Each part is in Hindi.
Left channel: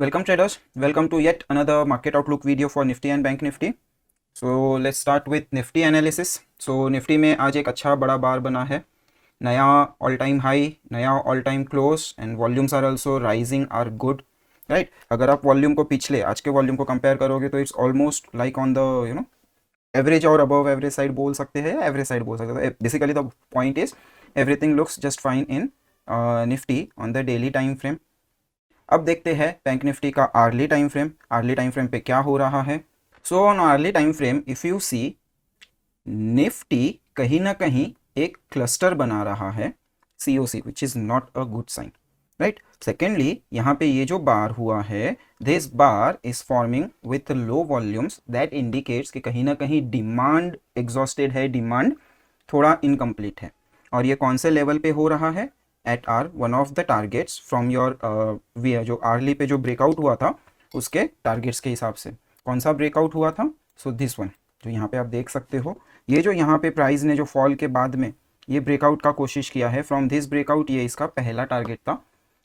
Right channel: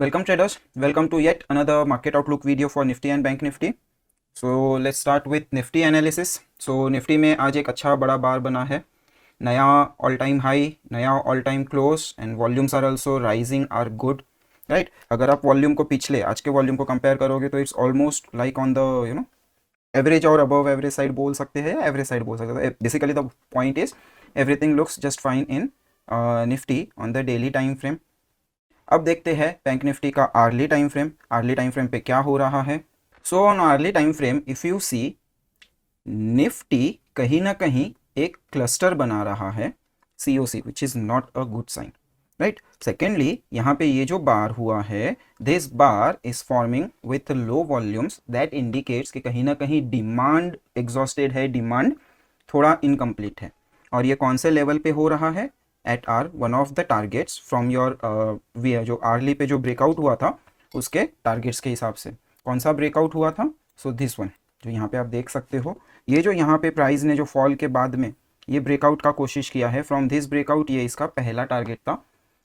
Welcome traders, welcome to yet another market outlook video for Nifty and Bank Nifty. So let's start with Nifty analysis. So Nifty में आज एक अच्छा बड़ा बार बना है, नया ऑल टाइम हाई, नया all time close and volumes are also rising are good, right. अगर आप वॉल्यूम को पिछले आज के वॉल्यूम को कंपेयर करोगे तो it's almost like on the average और अबव एवरेज साइड बोल सकते हैं, एवरेज साइड बोल सकते हैं. Basically the point is everything looks just fine in Nifty on the daily time frame. अब देखते हैं बैंक निफ्टी का hourly time frame. Hourly time frame पे क्या हो रहा है. So on hourly time frame if you see, Nifty कहीं ना कहीं एक क्लस्टर बना रहा है, COC, which is not a good sign, right. Secondly यहाँ पे ये जो बार हुआ है, this bar is forming with low volumes, that indicates कि कहीं ना कहीं डिमांड एग्जॉस्टेड है, डिमांड थोड़ा इनकम्प्लीट है. और ये कौन से लेवल पे हो रहा है, at R one of the targets from your जो आर्ली पे जो ब्रेकआउट हुआ था उसके टारगेट्स के हिसाब से. कौन सा ब्रेकआउट हुआ था, सो दिस वन जो यहाँ पे आप देख सकते हो. ये जो यहाँ पे प्राइस ने जो फॉल के बाद में ये ब्रेकआउट का कोशिश किया है, फ्रॉम दिस ब्रेकआउट ये इसका पहला टारगेट था,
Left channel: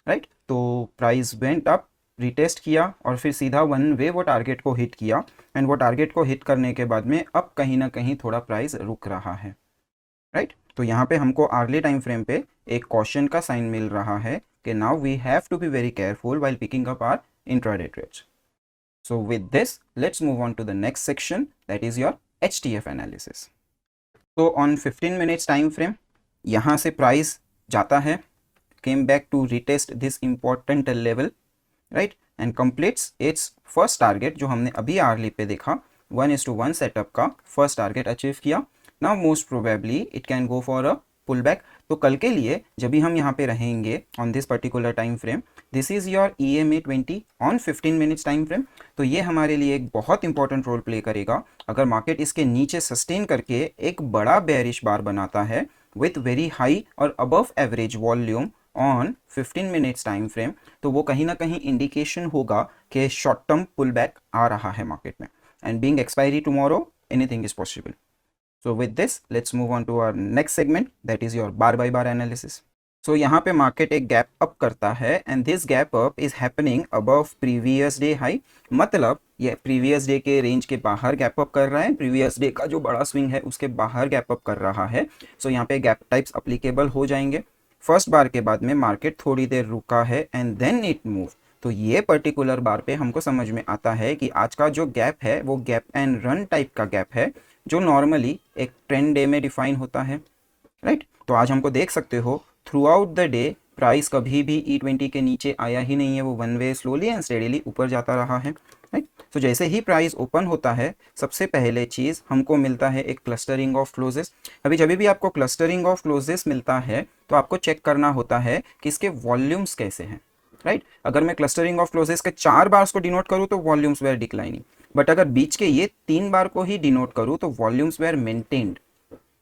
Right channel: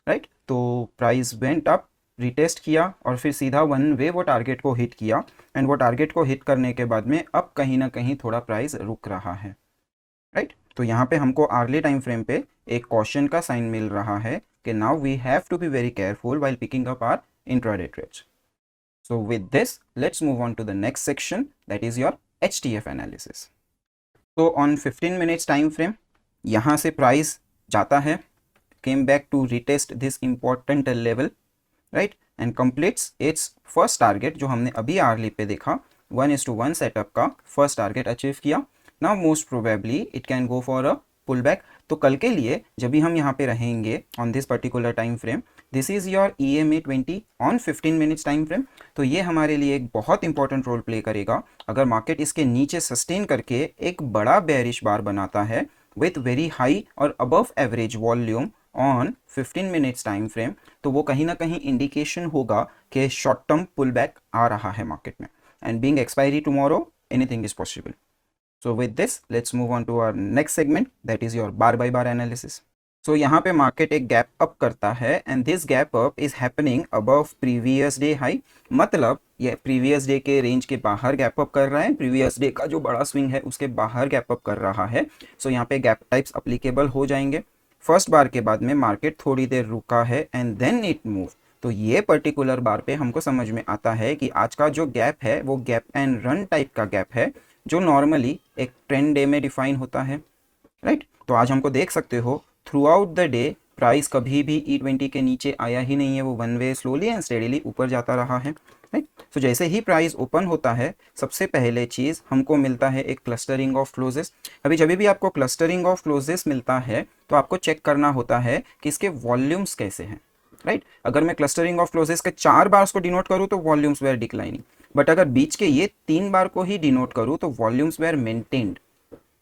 राइट. तो प्राइस वेंट अप, रिटेस्ट किया और फिर सीधा वन वे वो टारगेट को हिट किया. एंड वो टारगेट को हिट करने के बाद में अब कहीं ना कहीं थोड़ा प्राइस रुक रहा है, राइट. तो यहाँ पे हमको आर्ली टाइम फ्रेम पे एक क्वेश्चन का साइन मिल रहा है कि now we have to be very careful while picking up our intraday trades. So with this let's move on to the next section, that is your HTF analysis. तो ऑन 15 मिनट्स टाइम फ्रेम यहाँ से प्राइस जाता है, came back to retest this important level, right, and completes its first target जो हमने अभी आर्ली पे देखा, 1:1 सेटअप का फर्स्ट टारगेट अचीव किया. Now most probably it can go for a pull back. तो कल के लिए जब भी हम यहाँ पे रहेंगे on this particular time frame, this is your EMA 20 on 15 minutes time frame. तो ये हमारे लिए एक बहुत इंपॉर्टेंट रोल प्ले करेगा. अगर मार्केट इसके नीचे सस्टेन करके एक बड़ा बेयरिश बार बनाता है विथ वेरी हाई और above average volume on 15 minutes time frame, तो वो कहीं ना कहीं इंडिकेशन होगा कि शॉर्ट टर्म पुल बैक आ रहा है मार्केट में. And being expiry tomorrow, anything is possible. So with this, let's move on to our next segment, that is your bar by bar analysis. So यहाँ पे मार्केट एक गैप अप करता है and this gap up is happening above previous day high. मतलब ये प्रीवियस डे के रेंज के बाहर गैप अप कर रहा है, प्रीवियस डे का जो बड़ा स्विंग है उसके बाहर गैप अप कर रहा है. सो यहाँ पे गैप टाइप्स अप्लीकेबल हो जाएंगे. फर्स्ट बार के बाद में मार्केट थोड़ी देर रुका है एंड देन इट मूव. तो ये पर्टिकुलर बार पे हमको समझ में आता है कि आज का जो गैप है वो गैप एंड रन टाइप का गैप है, जो नॉर्मली एक ट्रेंड डे में डिफाइन होता है, राइट. तो आज हमको देख सकते हो through out the day price कभी भी E20 के नीचे आया ही नहीं है, वो one way slowly and steadily ऊपर जाता रहा है, राइट. तो जैसे ही प्राइस ओपन होता है सबसे पहले चीज हमको मिलता है एक क्लस्टरिंग ऑफ क्लोजेस. अभी जब भी आपको क्लस्टरिंग ऑफ क्लोजेस मिलता है तो आपको चेक करना होता है कि इसके वॉल्यूम्स कैसे हैं, राइट. अगर मैं क्लस्टरिंग ऑफ क्लोजेस के 4 बार्स को डिनोट करूं तो वॉल्यूम्स वेर डिक्लाइनिंग, बट अगर बीच के ये 3 बार को ही डिनोट करूं तो वॉल्यूम्स वेर मेंटेन्ड,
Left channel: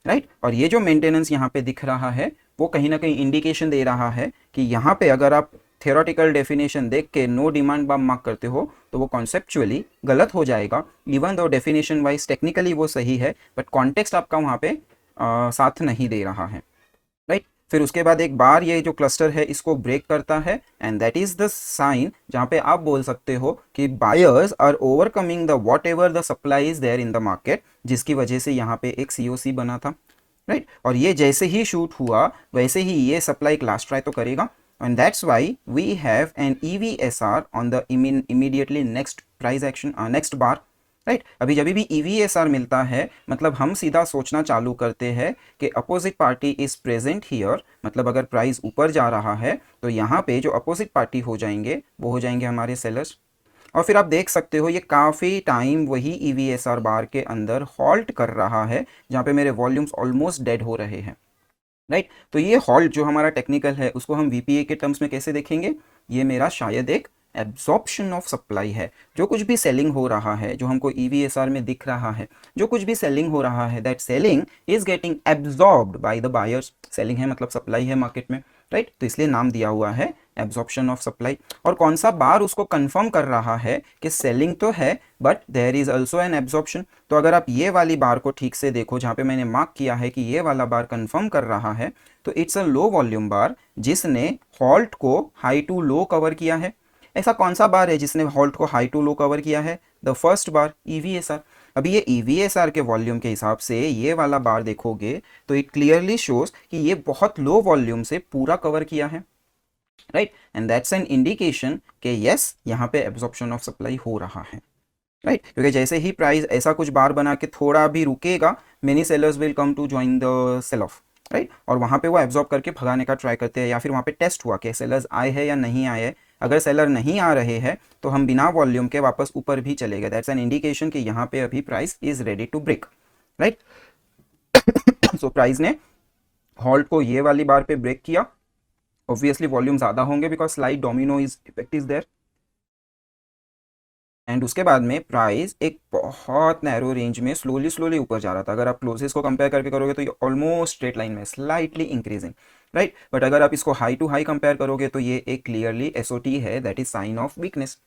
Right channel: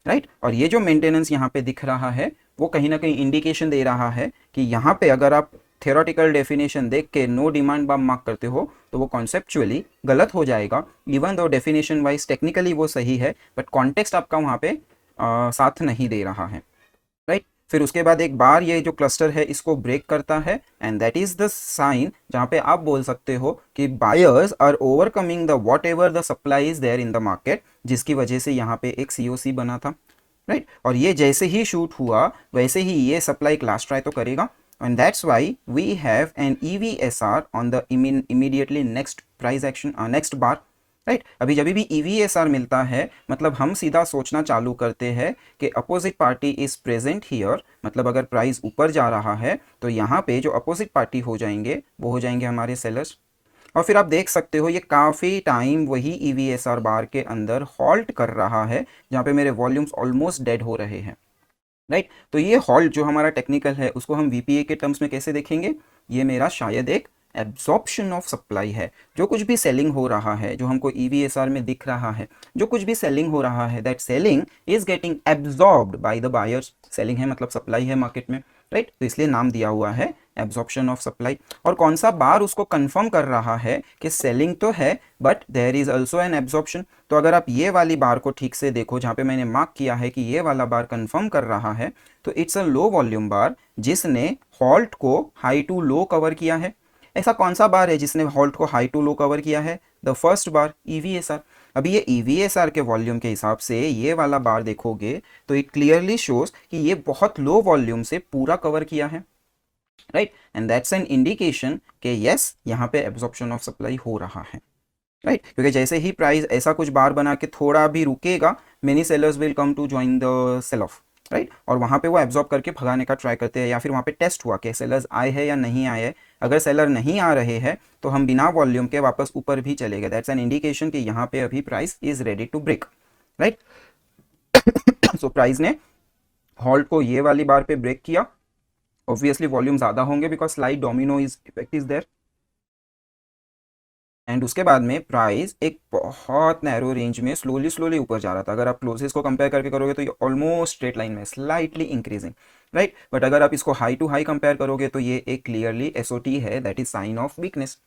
राइट. और ये जो मेंटेनेंस यहाँ पे दिख रहा है वो कहीं ना कहीं इंडिकेशन दे रहा है कि यहाँ पे अगर आप थियोरेटिकल डेफिनेशन देख के नो डिमांड बम मार्क करते हो तो वो कॉन्सेप्चुअली गलत हो जाएगा. Even though definition wise technically वो सही है, बट कॉन्टेक्स्ट आपका वहाँ पे साथ नहीं दे रहा है, राइट. फिर उसके बाद एक बार ये जो क्लस्टर है इसको ब्रेक करता है and that is the sign जहां पे आप बोल सकते हो कि buyers are overcoming the whatever the supply is there in the market, जिसकी वजह से यहाँ पे एक सीओसी बना था, राइट. और ये जैसे ही शूट हुआ वैसे ही ये सप्लाई क्लास ट्राई तो करेगा and that's why we have an EVSR on the immediately next price action, next bar, right. अभी जब भी EVSR मिलता है मतलब हम सीधा सोचना चालू करते हैं कि opposite party is present here. मतलब अगर प्राइस ऊपर जा रहा है तो यहाँ पे जो अपोजिट पार्टी हो जाएंगे वो हो जाएंगे हमारे सेलर्स. और फिर आप देख सकते हो ये काफ़ी टाइम वही EVSR बार के अंदर हॉल्ट कर रहा है जहाँ पे मेरे वॉल्यूम्स ऑलमोस्ट डेड हो रहे हैं, राइट. तो ये हॉल्ट जो हमारा टेक्निकल है उसको हम VPA के टर्म्स में कैसे देखेंगे, ये मेरा शायद एक एब्जॉर्प्शन ऑफ सप्लाई है. जो कुछ भी सेलिंग हो रहा है, जो हमको EVSR में दिख रहा है, जो कुछ भी सेलिंग हो रहा है, that selling is getting absorbed by the buyers. Selling है मतलब सप्लाई है मार्केट में, राइट. तो इसलिए नाम दिया हुआ है एब्जॉर्प्शन ऑफ सप्लाई. और कौन सा बार उसको कंफर्म कर रहा है कि सेलिंग तो है but there is also an absorption. तो अगर आप ये वाली बार को ठीक से देखो जहाँ पे मैंने मार्क किया है कि ये वाला बार कंफर्म कर रहा है, तो इट्स अ लो वॉल्यूम बार जिसने हॉल्ट को हाई टू लो कवर किया है. ऐसा कौन सा बार है जिसने हॉल्ट को हाई टू लो कवर किया है? The first bar, EVSR। अभी ये EVSR के वॉल्यूम के हिसाब से ये वाला बार देखोगे तो इट क्लियरली शोज कि ये बहुत लो वॉल्यूम से पूरा कवर किया है, right, and that's an indication कि यस यहाँ पे एब्जॉर्प्शन ऑफ सप्लाई हो रहा है, राइट, क्योंकि जैसे ही प्राइस ऐसा कुछ बार बना के थोड़ा भी रुकेगा, many sellers will come to join the sell off, right, और वहां पे वो एब्जॉर्ब करके भगाने का ट्राई करते हैं, या फिर वहां पे टेस्ट हुआ कि सेलर्स आए हैं या नहीं आए हैं। अगर सेलर नहीं आ रहे हैं तो हम बिना वॉल्यूम के वापस ऊपर भी चले गए, दैट्स एन इंडिकेशन कि यहाँ पे अभी price is ready to break, right. So price ने हॉल्ट को ये वाली बार पे ब्रेक किया, ऑब्वियसली वॉल्यूम ज्यादा होंगे because slide domino is effect is there, and उसके बाद में प्राइस एक बहुत नैरो रेंज में स्लोली स्लोली ऊपर जा रहा था। अगर आप क्लोजेस्ट को कंपेयर करके करोगे तो ये ऑलमोस्ट स्ट्रेट लाइन में स्लाइटली इंक्रीजिंग, राइट, बट अगर आप इसको हाई टू हाई कंपेयर करोगे तो ये एक क्लियरली एसओटी है, that is sine of weakness.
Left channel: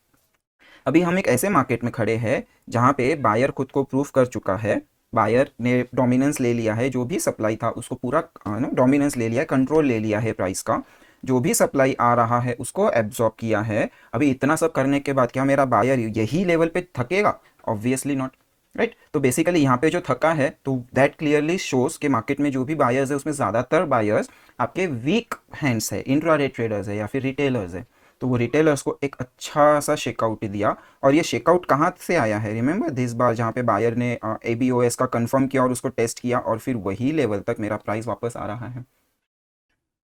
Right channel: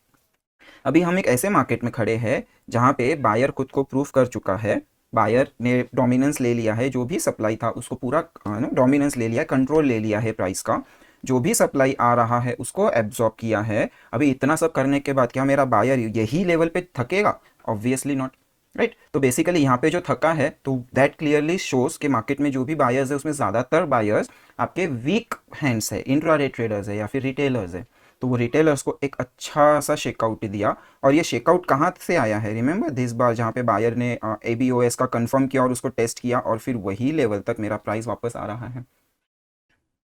अभी हम एक ऐसे मार्केट में खड़े हैं जहां पे बायर खुद को प्रूव कर चुका है, बायर ने डोमिनेंस ले लिया है, जो भी सप्लाई था उसको पूरा डोमिनेंस ले लिया है, कंट्रोल ले लिया है प्राइस का, जो भी सप्लाई आ रहा है उसको एब्जॉर्ब किया है। अभी इतना सब करने के बाद क्या मेरा बायर यही लेवल पे थकेगा? Obviously not, right. तो बेसिकली यहाँ पे जो थका है तो दैट क्लियरली शोज कि मार्केट में जो भी बायर्स है उसमें ज्यादातर बायर्स आपके वीक हैंड्स है, इंट्राडे ट्रेडर्स है या फिर रिटेलर्स है। तो वो रिटेलर्स को एक अच्छा सा शेकआउट दिया, और ये शेकआउट कहाँ से आया है? रिमेंबर दिस बार, जहाँ पे बायर ने ABOS का कंफर्म किया और उसको टेस्ट किया, और फिर वही लेवल तक मेरा प्राइस वापस आ रहा है,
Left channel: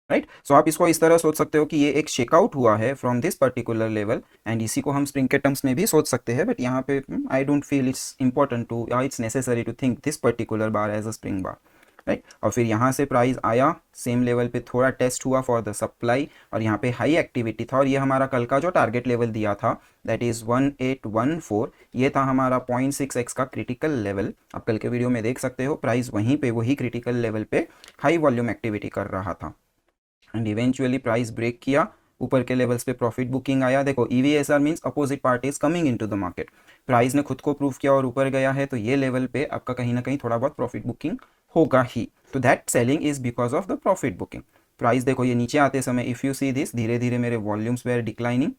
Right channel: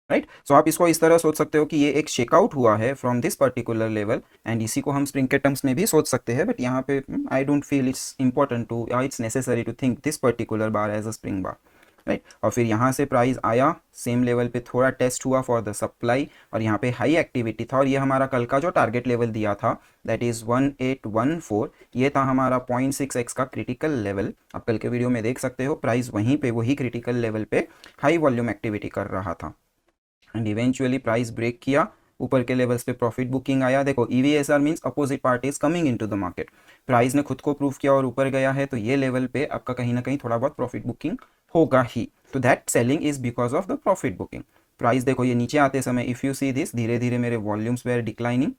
राइट। सो आप इसको इस तरह सोच सकते हो कि ये एक शेकआउट हुआ है from this particular level, and इसी को हम स्प्रिंग के टर्म्स में भी सोच सकते हैं, बट यहाँ पे I don't feel it's important to it's necessary to think this particular bar as a spring bar, right. और फिर यहाँ से प्राइस आया सेम लेवल पे, थोड़ा टेस्ट हुआ फॉर द सप्लाई, और यहाँ पे हाई एक्टिविटी था, और ये हमारा कल का जो टारगेट लेवल दिया था दैट इज 1814, ये था हमारा 0.6x का क्रिटिकल लेवल। आप कल के वीडियो में देख सकते हो प्राइस वहीं पे वही क्रिटिकल लेवल पे हाई वॉल्यूम एक्टिविटी कर रहा था, एंड इवेंचुअली प्राइस ब्रेक किया, ऊपर के लेवल्स पे प्रॉफिट बुकिंग आया। देखो EVSR means opposite party is coming into the market, price ने खुद को प्रूव किया और ऊपर गया है, तो ये लेवल पे आपका कहीं ना कहीं थोड़ा बहुत प्रॉफिट बुकिंग होगा ही, तो that selling is because of the profit booking. Price देखो ये नीचे आते समय इफ यू सी दिस, धीरे धीरे मेरे वॉल्यूम्स वेर डिक्लाइनिंग,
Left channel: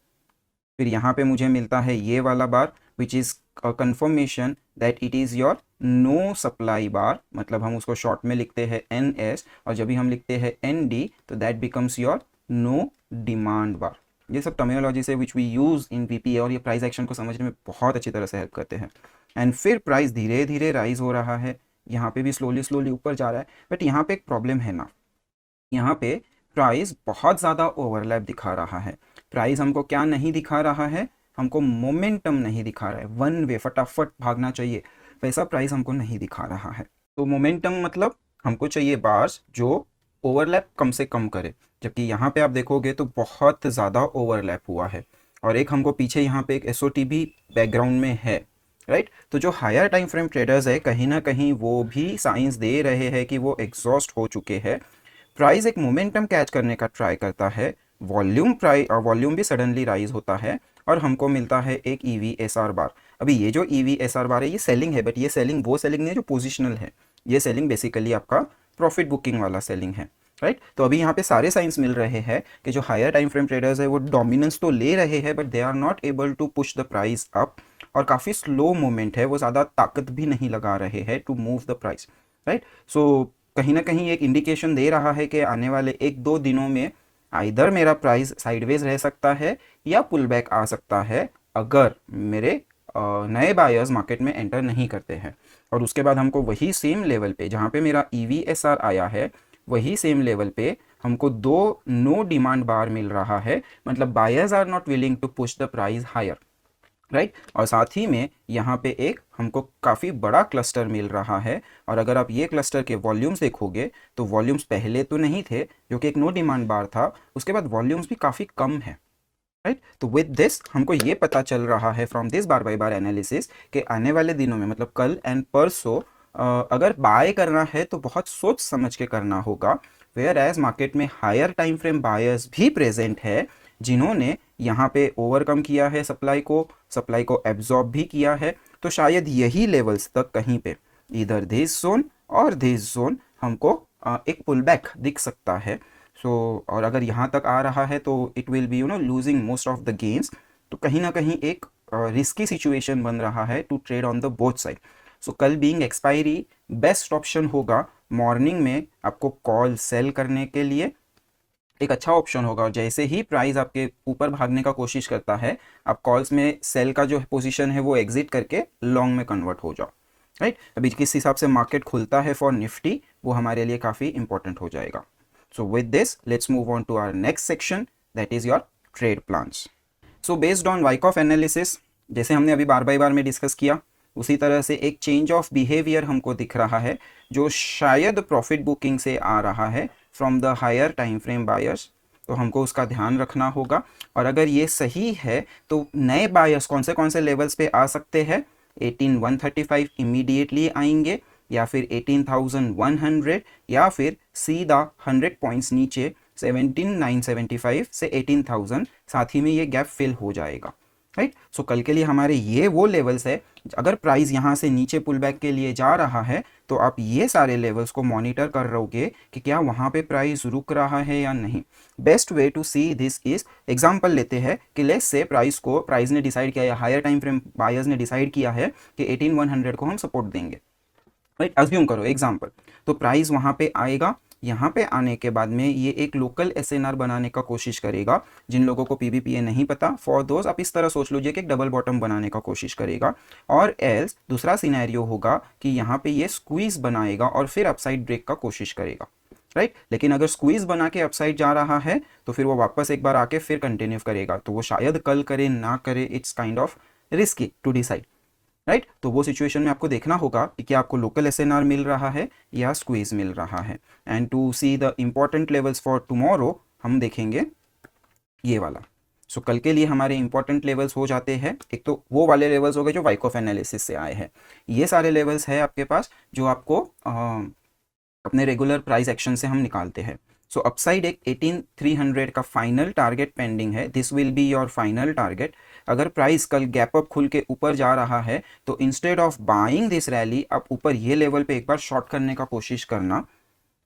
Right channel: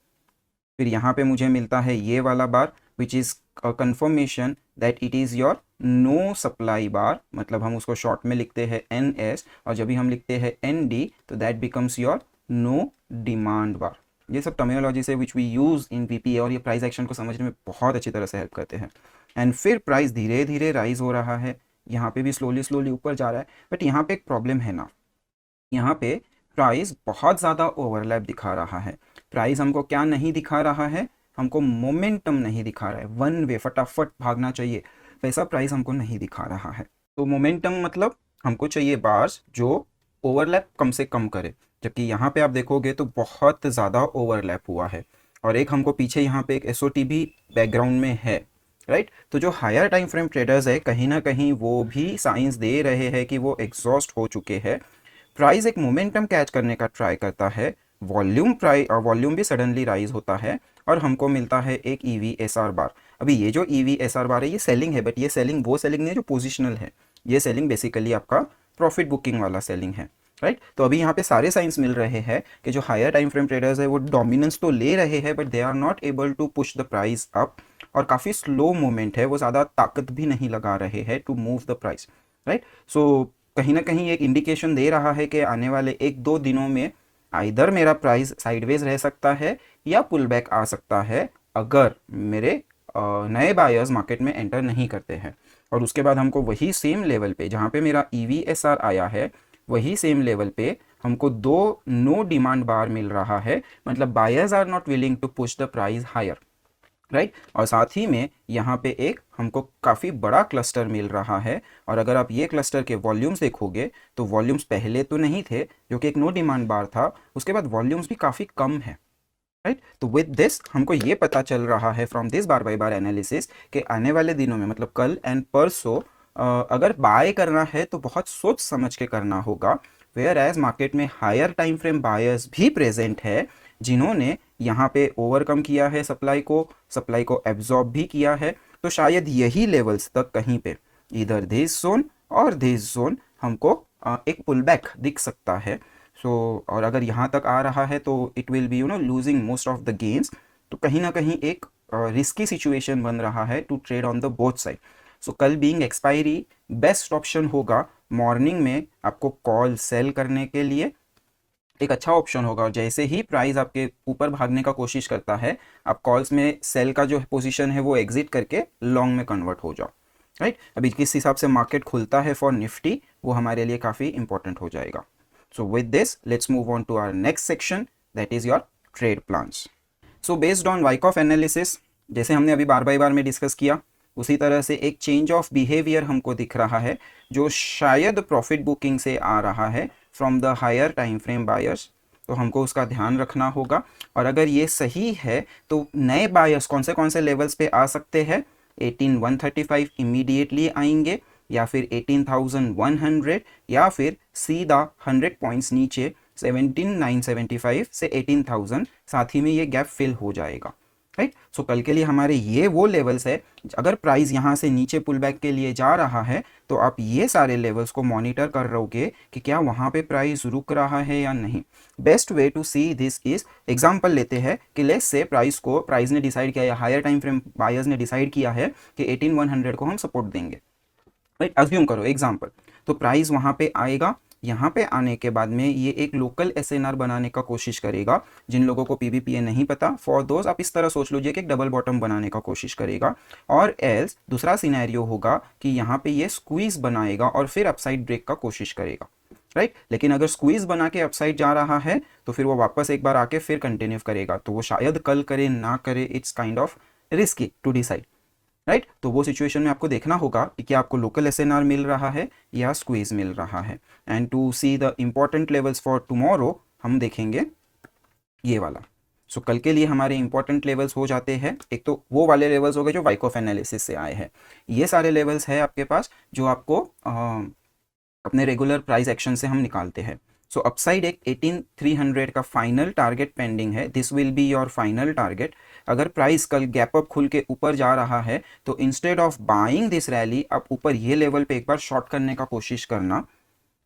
फिर यहाँ पे मुझे मिलता है ये वाला bar which is confirmation that it is your no supply bar, मतलब हम उसको शॉर्ट में लिखते हैं NS, और जब भी हम लिखते हैं ND तो that becomes your no demand bar. ये सब टर्मिनोलॉजी से which we use in VPA, और ये प्राइस एक्शन को समझने में बहुत अच्छी तरह से हेल्प करते हैं। एंड फिर प्राइस धीरे धीरे राइज हो रहा है, यहाँ पे भी स्लोली स्लोली ऊपर जा रहा है, बट यहाँ पे एक प्रॉब्लम है ना, यहाँ पे प्राइस बहुत ज़्यादा ओवरलैप दिखा रहा है। प्राइस हमको क्या नहीं दिखा रहा है? हमको मोमेंटम नहीं दिखा रहा है, वन वे फटाफट भागना चाहिए, वैसा प्राइस हमको नहीं दिखा रहा है। तो मोमेंटम मतलब हमको चाहिए बार्स जो ओवरलैप कम से कम करे, जबकि यहाँ पे आप देखोगे तो बहुत ज़्यादा ओवरलैप हुआ है, और एक हमको पीछे यहाँ पे एक SOT भी बैकग्राउंड में है, राइट। तो जो हायर टाइम फ्रेम ट्रेडर्स है कहीं ना कहीं वो भी साइंस दे रहे हैं कि वो एग्जॉस्ट हो चुके हैं। प्राइस एक मोमेंटम कैच करने का ट्राई करता है, वॉल्यूम भी सडनली राइज होता है, और हमको मिलता है एक EVSR बार। अभी ये जो EVSR बार है ये सेलिंग है, बट ये सेलिंग वो सेलिंग नहीं है जो पोजिशनल है, ये सेलिंग बेसिकली आपका प्रॉफिट बुकिंग वाला सेलिंग है, राइट। तो अभी यहाँ पे सारे साइंस मिल रहे हैं कि जो हायर टाइम फ्रेम ट्रेडर्स है वो डोमिनेंस तो ले रहे हैं, but they are not able to push the price up, और काफ़ी स्लो मूवमेंट है, वो ज़्यादा ताकत भी नहीं लगा रहे हैं to move the price, right. So कहीं ना कहीं एक इंडिकेशन दे रहा है कि आने वाले 1-2 दिनों में आइदर मेरा प्राइस साइडवेज रह सकता है या पुल बैक आ सकता है, अगर मेरे नए बायर्स मार्केट में एंटर नहीं करते हैं। और उसके बाद हमको वही सेम लेवल पे जहाँ पे मेरा EVSR आया है, वही सेम लेवल पे हमको 2 नो डिमांड बार मिल रहा है, मतलब buyers are not willing to push the price higher, right. और साथ ही में यहाँ पे एक हमको काफ़ी बड़ा क्लस्टर मिल रहा है, और अगर आप ये क्लस्टर के वॉल्यूम्स देखोगे तो वॉल्यूम्स पहले तो नहीं थे, जो कि एक नो डिमांड बार था, उसके बाद वॉल्यूम्स भी काफ़ी कम है, राइट। तो विद दिस हमको ये पता चल रहा है from this bar by bar analysis कि आने वाले दिनों में मतलब कल एंड परसों अगर बाय करना है तो बहुत सोच समझ के करना होगा, वेयर एज मार्केट में हायर टाइम फ्रेम बायर्स भी प्रेजेंट है जिन्होंने यहाँ पे ओवरकम किया है सप्लाई को एब्जॉर्ब भी किया है। तो शायद यही लेवल्स तक कहीं पे इधर दिस जोन और दिस जोन हमको एक पुल बैक दिख सकता है। सो और अगर यहाँ तक आ रहा है तो it will be losing most of the gains, तो कहीं ना कहीं एक रिस्की सिचुएशन बन रहा है to trade on the both side. So कल बीइंग एक्सपायरी बेस्ट ऑप्शन होगा मॉर्निंग में आपको कॉल सेल करने के लिए, एक अच्छा ऑप्शन होगा। जैसे ही प्राइस आपके ऊपर भागने का कोशिश करता है, आप कॉल्स में सेल का जो पोजीशन है वो एग्जिट करके लॉन्ग में कन्वर्ट हो जाओ, राइट। अभी किस हिसाब से मार्केट खुलता है फॉर निफ्टी वो हमारे लिए काफ़ी इंपॉर्टेंट हो जाएगा। So with this let's move on to our next section, that is your trade plans. So based on Wyckoff analysis, जैसे हमने अभी बार बार में डिस्कस किया, उसी तरह से एक चेंज ऑफ बिहेवियर हमको दिख रहा है जो शायद प्रॉफिट बुकिंग से आ रहा है from the higher time frame buyers. तो हमको उसका ध्यान रखना होगा, और अगर ये सही है तो नए बायर्स कौन से लेवल्स पे आ सकते हैं। 18,135 इमीडिएटली आएंगे, या फिर 18,100, या फिर सीधा 100 पॉइंट्स नीचे 17,975 से 18,000, साथ ही में ये गैप फिल हो जाएगा, राइट। सो कल के लिए हमारे ये वो लेवल्स है, अगर प्राइस यहाँ से नीचे पुल बैक के लिए जा रहा है तो आप ये सारे लेवल्स को मॉनिटर कर रहोगे कि क्या वहाँ पे प्राइस रुक रहा है या नहीं। Best way to see this is, example लेते हैं कि लेट्स से प्राइस ने डिसाइड किया, या हायर टाइम फ्रेम बायर्स ने डिसाइड किया है कि 18,100 को हम सपोर्ट देंगे, राइट। अज्यूम करो एग्जांपल, तो प्राइस वहाँ पे आएगा, यहाँ पे आने के बाद में ये एक लोकल एसएनआर बनाने का कोशिश करेगा। जिन लोगों को पीवीपीए नहीं पता, फॉर दोज आप इस तरह सोच लीजिए कि एक डबल बॉटम बनाने का कोशिश करेगा, और एल्स दूसरा सिनेरियो होगा कि यहाँ पे ये स्क्वीज बनाएगा और फिर अपसाइड ब्रेक का कोशिश करेगा, राइट। लेकिन अगर स्क्वीज बना के अपसाइड जा रहा है तो फिर वो वापस एक बार आके फिर कंटिन्यू करेगा, तो वो शायद कल करे ना करे, it's kind of risky to decide, right. तो वो सिचुएशन में आपको देखना होगा कि क्या आपको लोकल एसएनआर मिल रहा है या स्क्वीज मिल रहा है। And to see the important levels for tomorrow हम देखेंगे ये वाला। सो कल के लिए हमारे इंपॉर्टेंट लेवल्स हो जाते हैं, एक तो वो वाले लेवल्स हो गए जो वाइकॉफ एनालिसिस से आए हैं। ये सारे लेवल्स है आपके पास जो आपको अपने रेगुलर प्राइस एक्शन से हम निकालते हैं। सो अपसाइड एक 18,300 का फाइनल टारगेट पेंडिंग है, this will be your final target. अगर प्राइस कल गैप अप खुल के ऊपर जा रहा है तो instead of buying this rally, आप ऊपर ये लेवल पे एक बार शॉर्ट करने का कोशिश करना,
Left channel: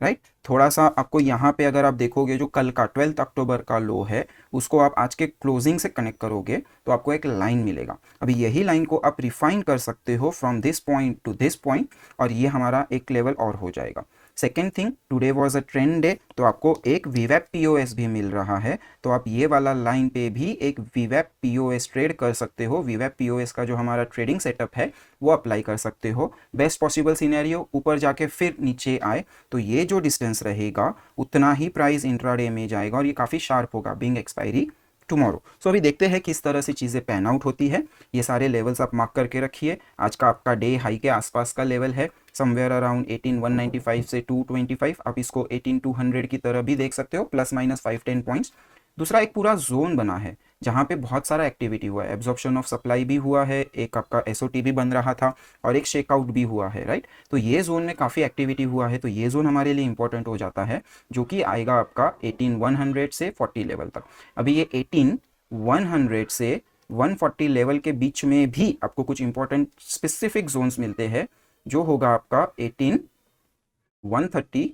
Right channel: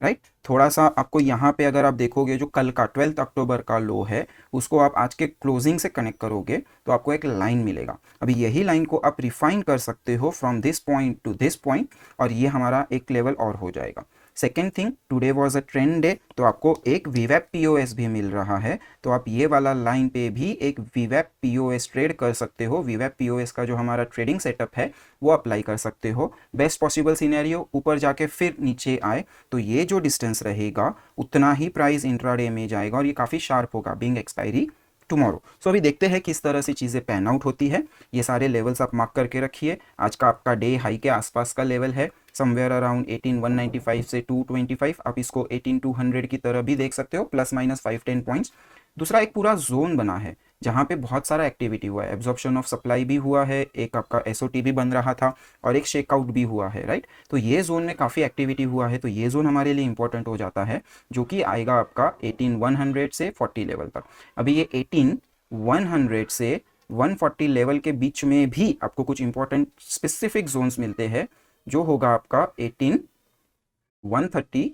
राइट। थोड़ा सा आपको यहाँ पे अगर आप देखोगे जो कल का 12 अक्टूबर का लो है उसको आप आज के क्लोजिंग से कनेक्ट करोगे तो आपको एक लाइन मिलेगा। अभी यही लाइन को आप रिफाइन कर सकते हो from this point two this point, और ये हमारा एक लेवल और हो जाएगा। Second thing, today was a trend day, तो आपको एक वीवैप पीओएस भी मिल रहा है, तो आप ये वाला लाइन पे भी एक वीवैप पीओएस ट्रेड कर सकते हो। वीवैप पीओएस का जो हमारा ट्रेडिंग सेटअप है वो अप्लाई कर सकते हो। बेस्ट पॉसिबल सिनेरियो ऊपर जाके फिर नीचे आए तो ये जो डिस्टेंस रहेगा उतना ही प्राइस इंट्राडे में जाएगा, और ये काफ़ी शार्प होगा बीइंग एक्सपायरी टुमारो। सो अभी देखते हैं किस तरह से चीज़ें पैन आउट होती है। ये सारे लेवल्स आप मार्क करके रखिए। आज का आपका डे हाई के आसपास का लेवल है, समवेयर अराउंड 18,195 से 225। आप इसको 18,200 की तरह भी देख सकते हो, प्लस माइनस 5-10 पॉइंट्स। दूसरा एक पूरा जोन बना है जहाँ पे बहुत सारा एक्टिविटी हुआ है, एब्जॉर्प्शन ऑफ सप्लाई भी हुआ है, एक आपका एसओटी भी बन रहा था, और एक शेकआउट भी हुआ है, राइट। तो ये जोन में काफ़ी एक्टिविटी हुआ है, तो ये जोन हमारे लिए इंपॉर्टेंट हो जाता है, जो कि आएगा आपका 18,100 से 40 लेवल तक। अभी ये 18,100 से 140 लेवल के बीच में भी आपको कुछ इंपॉर्टेंट स्पेसिफिक जोन्स मिलते हैं, जो होगा आपका 18,130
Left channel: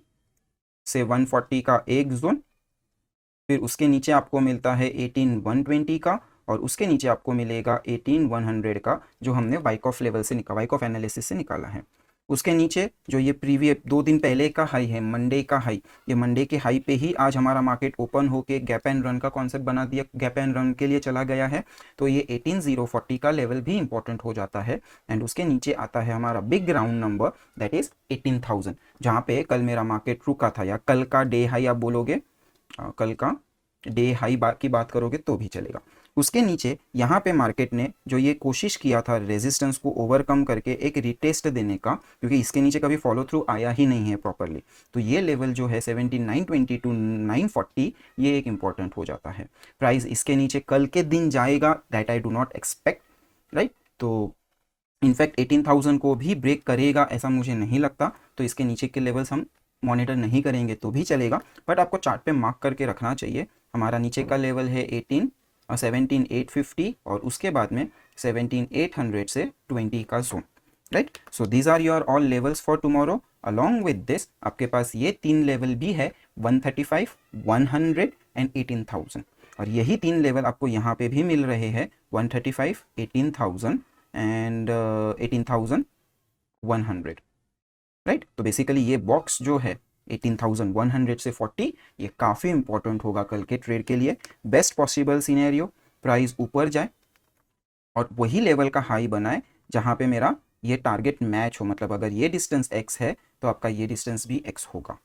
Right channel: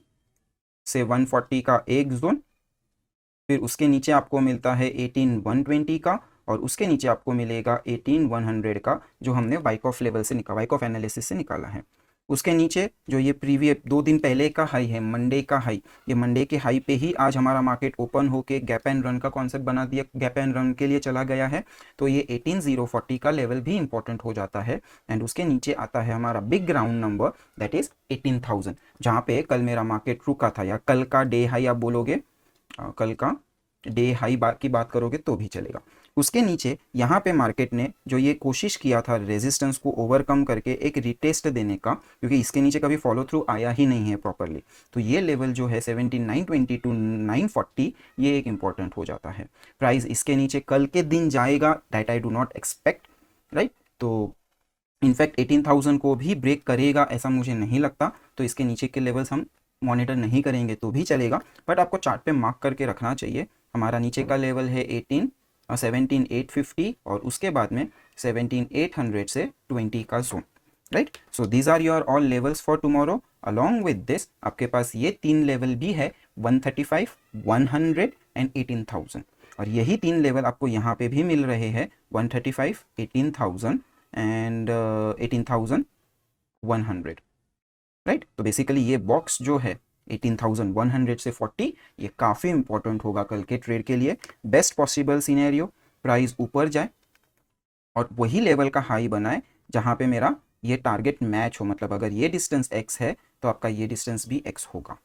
से 140 का एक जोन, फिर उसके नीचे आपको मिलता है 18,120 का, और उसके नीचे आपको मिलेगा 18,100 का, जो हमने वाइकॉफ लेवल से वाइकॉफ एनालिसिस से निकाला है। उसके नीचे जो ये प्रीवियस 2 दिन पहले का हाई है, मंडे का हाई, ये मंडे के हाई पे ही आज हमारा मार्केट ओपन होके गैप एंड रन का कॉन्सेप्ट बना दिया, गैप एंड रन के लिए चला गया है, तो ये 18,040 का लेवल भी इंपॉर्टेंट हो जाता है। एंड उसके नीचे आता है हमारा big round number, that is 18,000, जहाँ पे कल मेरा मार्केट रुका था, या कल का डे हाई आप बोलोगे, कल का डे हाई की बात करोगे तो भी चलेगा। उसके नीचे यहाँ पे मार्केट ने जो ये कोशिश किया था रेजिस्टेंस को ओवरकम करके एक रिटेस्ट देने का, क्योंकि इसके नीचे कभी फॉलो थ्रू आया ही नहीं है प्रॉपरली, तो ये लेवल जो है 17,920 टू 940, ये एक इंपॉर्टेंट हो जाता है। प्राइस इसके नीचे कल के दिन जाएगा, that I do not expect, right. तो इनफैक्ट 18,000 को भी ब्रेक करेगा ऐसा मुझे नहीं लगता, तो इसके नीचे के लेवल्स हम मॉनिटर नहीं करेंगे तो भी चलेगा, बट आपको चार्ट पे मार्क करके रखना चाहिए। हमारा नीचे का लेवल है 17,850, और उसके बाद में 17,800 से 20 का zone, right. So these are your all levels for tomorrow. Along with this आपके पास ये 3 लेवल भी है, 135, 100 एंड 18,000। और यही तीन लेवल आपको यहाँ पे भी मिल रहे हैं, 135, 18,000 एंड 18,100, राइट। तो बेसिकली ये बॉक्स जो है 18,100 से 40, ये काफ़ी इंपॉर्टेंट होगा कल के ट्रेड के लिए। बेस्ट पॉसिबल सिनेरियो, प्राइस ऊपर जाए और वही लेवल का हाई बनाए जहाँ पे मेरा ये टारगेट मैच हो, मतलब अगर ये डिस्टेंस x है तो आपका ये डिस्टेंस भी x होगा,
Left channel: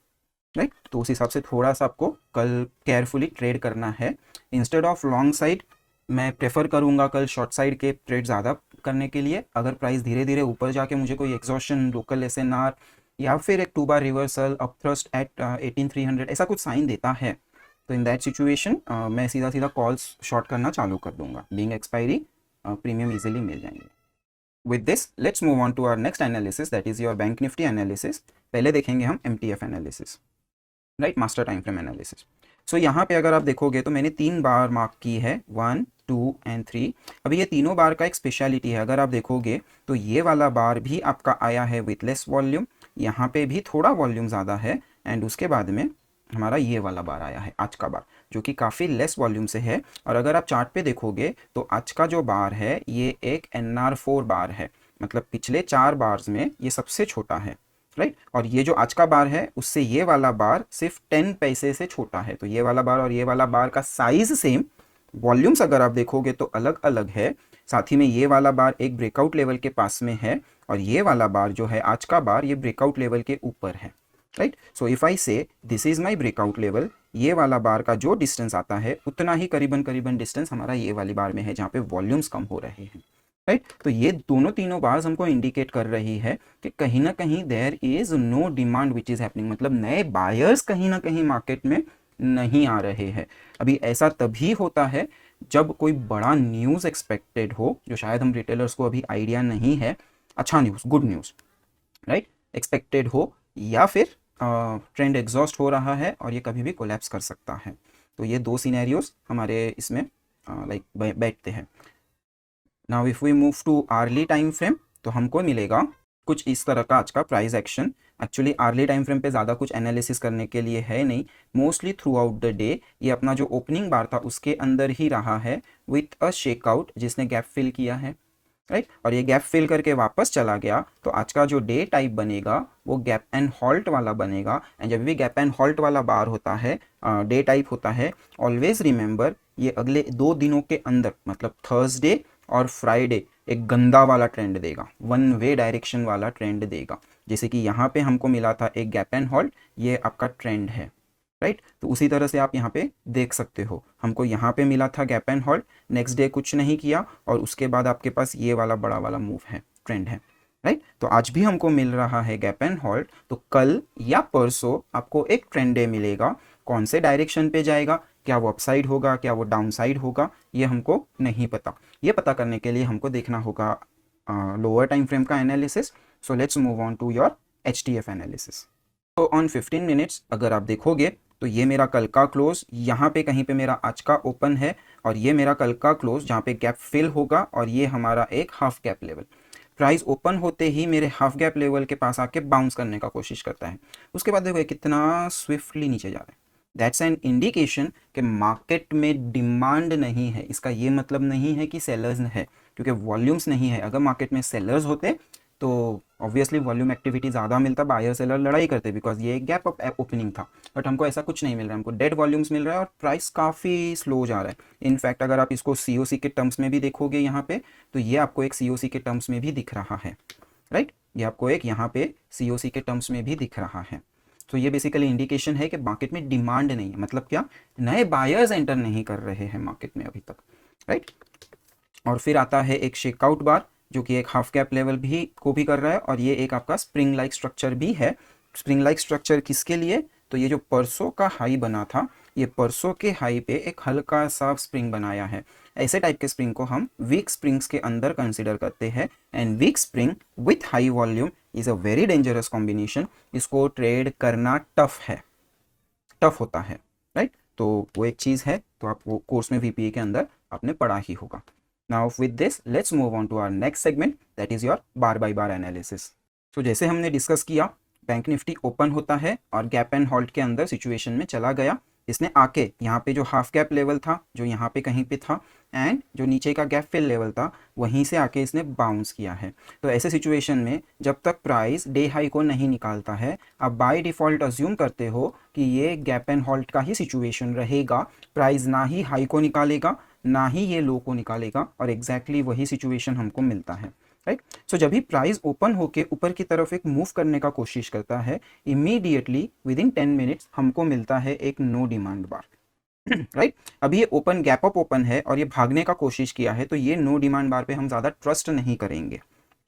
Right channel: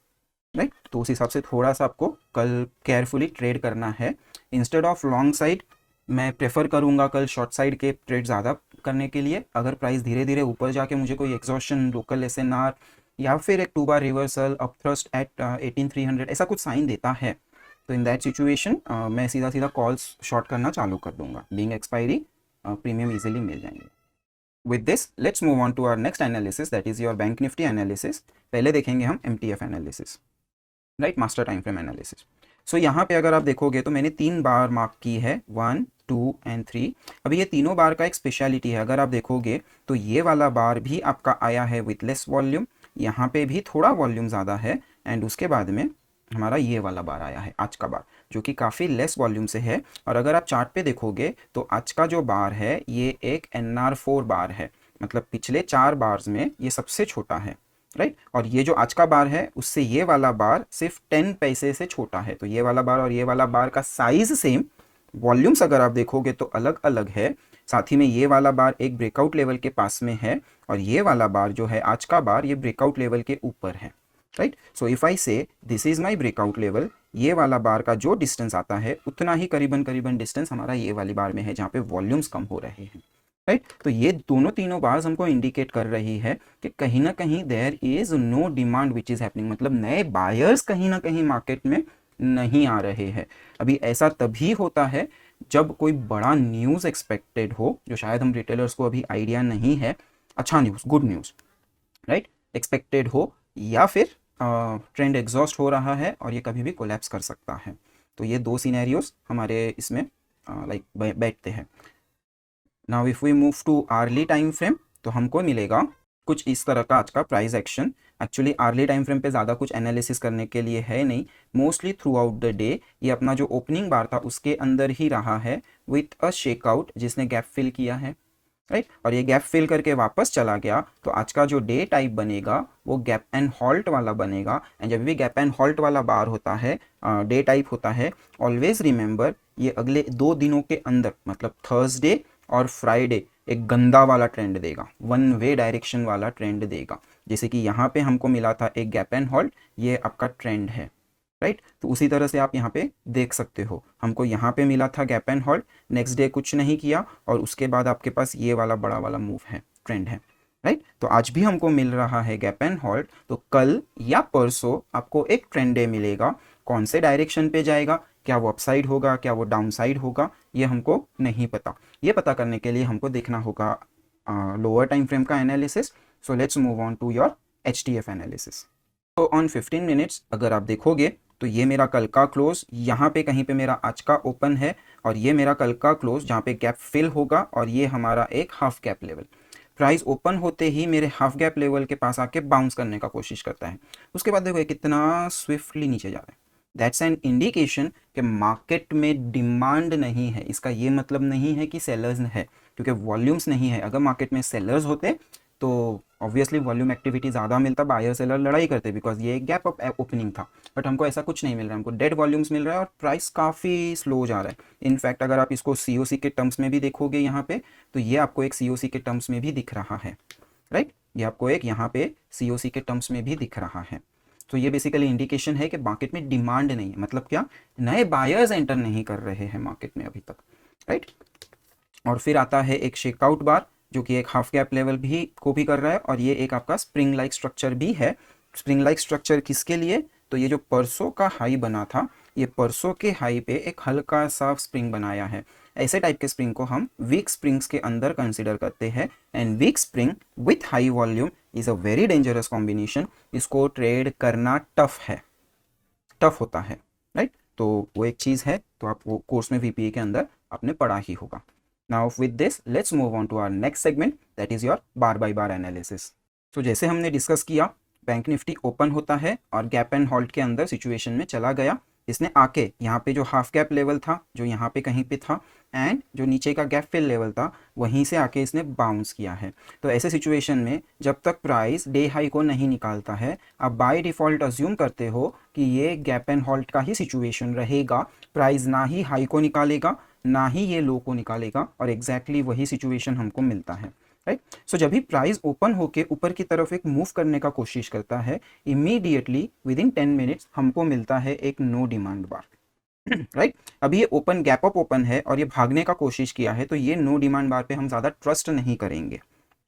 राइट। तो उस हिसाब से थोड़ा सा आपको कल केयरफुली ट्रेड करना है। इंस्टेड ऑफ लॉन्ग साइड मैं प्रेफर करूंगा कल शॉर्ट साइड के ट्रेड ज़्यादा करने के लिए। अगर प्राइस धीरे धीरे ऊपर जाके मुझे कोई एग्जॉशन, लोकल एसएनआर या फिर एक 2 बार रिवर्सल, अप थ्रस्ट एट 18,300 ऐसा कुछ साइन देता है, तो इन दैट सिचुएशन मैं सीधा सीधा कॉल्स शॉर्ट करना चालू कर दूंगा। बिंग एक्सपायरी प्रीमियम इजीली मिल जाएंगे। With this, let's move on to our next analysis, that is your Bank Nifty analysis. पहले देखेंगे हम MTF analysis, right, master time frame analysis. So यहाँ पे अगर आप देखोगे तो मैंने 3 बार मार्क की है, 1, 2 एंड 3। अभी ये तीनों बार का एक स्पेशलिटी है, अगर आप देखोगे तो ये वाला बार भी आपका आया है विथ लेस वॉल्यूम, यहाँ पे भी थोड़ा वॉल्यूम ज़्यादा है, एंड उसके बाद में हमारा ये वाला बार आया है आज का बार, जो कि काफ़ी लेस वॉल्यूम से है। और अगर आप चार्ट पे देखोगे तो आज का जो बार है ये एक NR4 बार है, मतलब पिछले 4 बार्स में ये सबसे छोटा है, राइट। और ये जो आज का बार है उससे ये वाला बार सिर्फ 10 पैसे से छोटा है। तो ये वाला बार और ये वाला बार का साइज सेम, वॉल्यूम्स अगर आप देखोगे तो अलग अलग है। साथ ही में ये वाला बार एक ब्रेकआउट लेवल के पास में है और ये वाला बार जो है आज का बार, ये ब्रेकआउट लेवल के ऊपर है, राइट। सो इफ आई से this is my breakout level, ये वाला बार का जो डिस्टेंस आता है उतना ही करीबन करीबन डिस्टेंस हमारा ये वाली बार में है जहाँ पे वॉल्यूम्स कम हो रहे हैं, राइट। तो ये दोनों तीनों बार्स हमको इंडिकेट कर रही है कि कहीं ना कहीं there is no demand which is happening, मतलब नए बायर्स कहीं ना कहीं मार्केट में नहीं आ रहे हैं। अभी ऐसा तभी होता है जब कोई बड़ा न्यूज़ एक्सपेक्टेड हो, जो शायद हम रिटेलर्स को अभी आइडिया नहीं है, अच्छा news, good news, right, expected हो, या फिर ट्रेंड एग्जॉस्ट हो रहा है और ये कभी भी कोलैप्स कर सकता है। तो ये दो सिनेरियोज हमारे इसमें लाइक बैठते हैं। Now if we move to hourly time frame तो हमको मिलेगा कुछ इस तरह का आज का price action. Actually hourly time frame पे ज़्यादा कुछ एनालिसिस करने के लिए है नहीं, mostly throughout the day ये अपना जो ओपनिंग बार था उसके अंदर ही रहा है विथ अ शेकआउट जिसने गैप फिल किया है, राइट। और ये गैप फिल करके वापस चला गया, तो आज का जो डे टाइप बनेगा वो गैप एंड हॉल्ट वाला बनेगा। एंड जब भी गैप एंड हॉल्ट वाला बार होता है, डे टाइप होता है, ऑलवेज रिमेंबर ये अगले 2 दिनों के अंदर, मतलब थर्सडे और फ्राइडे एक गंदा वाला ट्रेंड देगा, वन वे डायरेक्शन वाला ट्रेंड देगा। जैसे कि यहाँ पे हमको मिला था एक गैप एंड हॉल्ट, ये आपका ट्रेंड है, राइट। तो उसी तरह से आप यहाँ पे देख सकते हो, हमको यहाँ पे मिला था gap and halt, next day कुछ नहीं किया और उसके बाद आपके पास ये वाला बड़ा वाला मूव है, ट्रेंड है, राइट। तो आज भी हमको मिल रहा है गैप एंड हॉल्ट, तो कल या परसों आपको एक ट्रेंड डे मिलेगा। कौन से डायरेक्शन पे जाएगा, क्या वो अपसाइड होगा, क्या वो डाउन साइड होगा, ये हमको नहीं पता। ये पता करने के लिए हमको देखना होगा लोअर टाइम फ्रेम का analysis. So let's move on to your HTF analysis. तो ऑन 15 मिनट्स अगर आप देखोगे तो ये मेरा कल का क्लोज, यहाँ पे कहीं पे मेरा आज का ओपन है और ये मेरा कल का क्लोज जहाँ पे गैप फिल होगा और ये हमारा एक half gap level. Price open होते ही मेरे हाफ गैप लेवल के पास आके बाउंस करने का कोशिश करता है, उसके बाद देखो कितना स्विफ्टली नीचे जा रहा है। दैट्स एन इंडिकेशन कि मार्केट में डिमांड नहीं है। इसका ये मतलब नहीं है कि सेलर्स है, क्योंकि वॉल्यूम्स नहीं है। अगर मार्केट में सेलर्स होते तो ऑब्वियसली वॉल्यूम एक्टिविटी ज़्यादा मिलता, बायर सेलर लड़ाई करते, बिकॉज ये एक गैप ओपनिंग था। बट हमको ऐसा कुछ नहीं मिल रहा है, हमको डेड वॉल्यूम्स मिल रहा है और प्राइस काफ़ी स्लो जा रहा है। इनफैक्ट अगर आप इसको COC के टर्म्स में भी देखोगे यहाँ पे, तो ये आपको एक COC के टर्म्स में भी दिख रहा है, राइट। ये आपको एक यहाँ पे COC के टर्म्स में भी दिख रहा है। तो ये बेसिकली इंडिकेशन है कि मार्केट में डिमांड नहीं है, मतलब क्या, नए बायर्स एंटर नहीं कर रहे हैं मार्केट में अभी तक, राइट। और फिर आता है एक शेकआउट बार जो कि एक हाफ गैप लेवल भी को भी कर रहा है और ये एक आपका स्प्रिंग लाइक स्ट्रक्चर भी है। स्प्रिंग लाइक स्ट्रक्चर किसके लिए, तो ये जो परसों का हाई बना था, ये परसों के हाई पे एक हल्का सा स्प्रिंग बनाया है। ऐसे टाइप के स्प्रिंग को हम वीक स्प्रिंग्स के अंदर कंसिडर करते हैं, and week spring with high volume is a very dangerous combination. इसको ट्रेड करना टफ होता है, राइट। तो वो एक चीज़ है, तो आप वो कोर्स में VPA के अंदर आपने पढ़ा ही होगा। Now with this, let's move on to our next segment, that is your bar by bar analysis. तो जैसे हमने डिस्कस किया, बैंक निफ्टी ओपन होता है और गैप एंड हॉल्ट के अंदर सिचुएशन में चला गया, इसने आके यहाँ पे जो हाफ गैप लेवल था जो यहाँ पे कहीं पे था एंड जो नीचे का गैप फिल लेवल था वहीं से आके इसने बाउंस किया है। तो ऐसे सिचुएशन में जब तक प्राइस डे हाई को नहीं निकालता है, आप बाय डिफ़ॉल्ट अज्यूम करते हो कि ये गैप एंड होल्ड का ही सिचुएशन रहेगा। प्राइस ना ही हाई को निकालेगा ना ही ये लो को निकालेगा, और एग्जैक्टली वही सिचुएशन हमको मिलता है, राइट। सो जब भी प्राइस ओपन होके ऊपर की तरफ एक मूव करने का कोशिश करता है, इमीडिएटली विद इन 10 मिनट्स हमको मिलता है एक नो डिमांड बार, राइट। अभी ये ओपन गैप अप ओपन है और ये भागने का कोशिश किया है, तो ये नो डिमांड बार पे हम ज़्यादा ट्रस्ट नहीं करेंगे,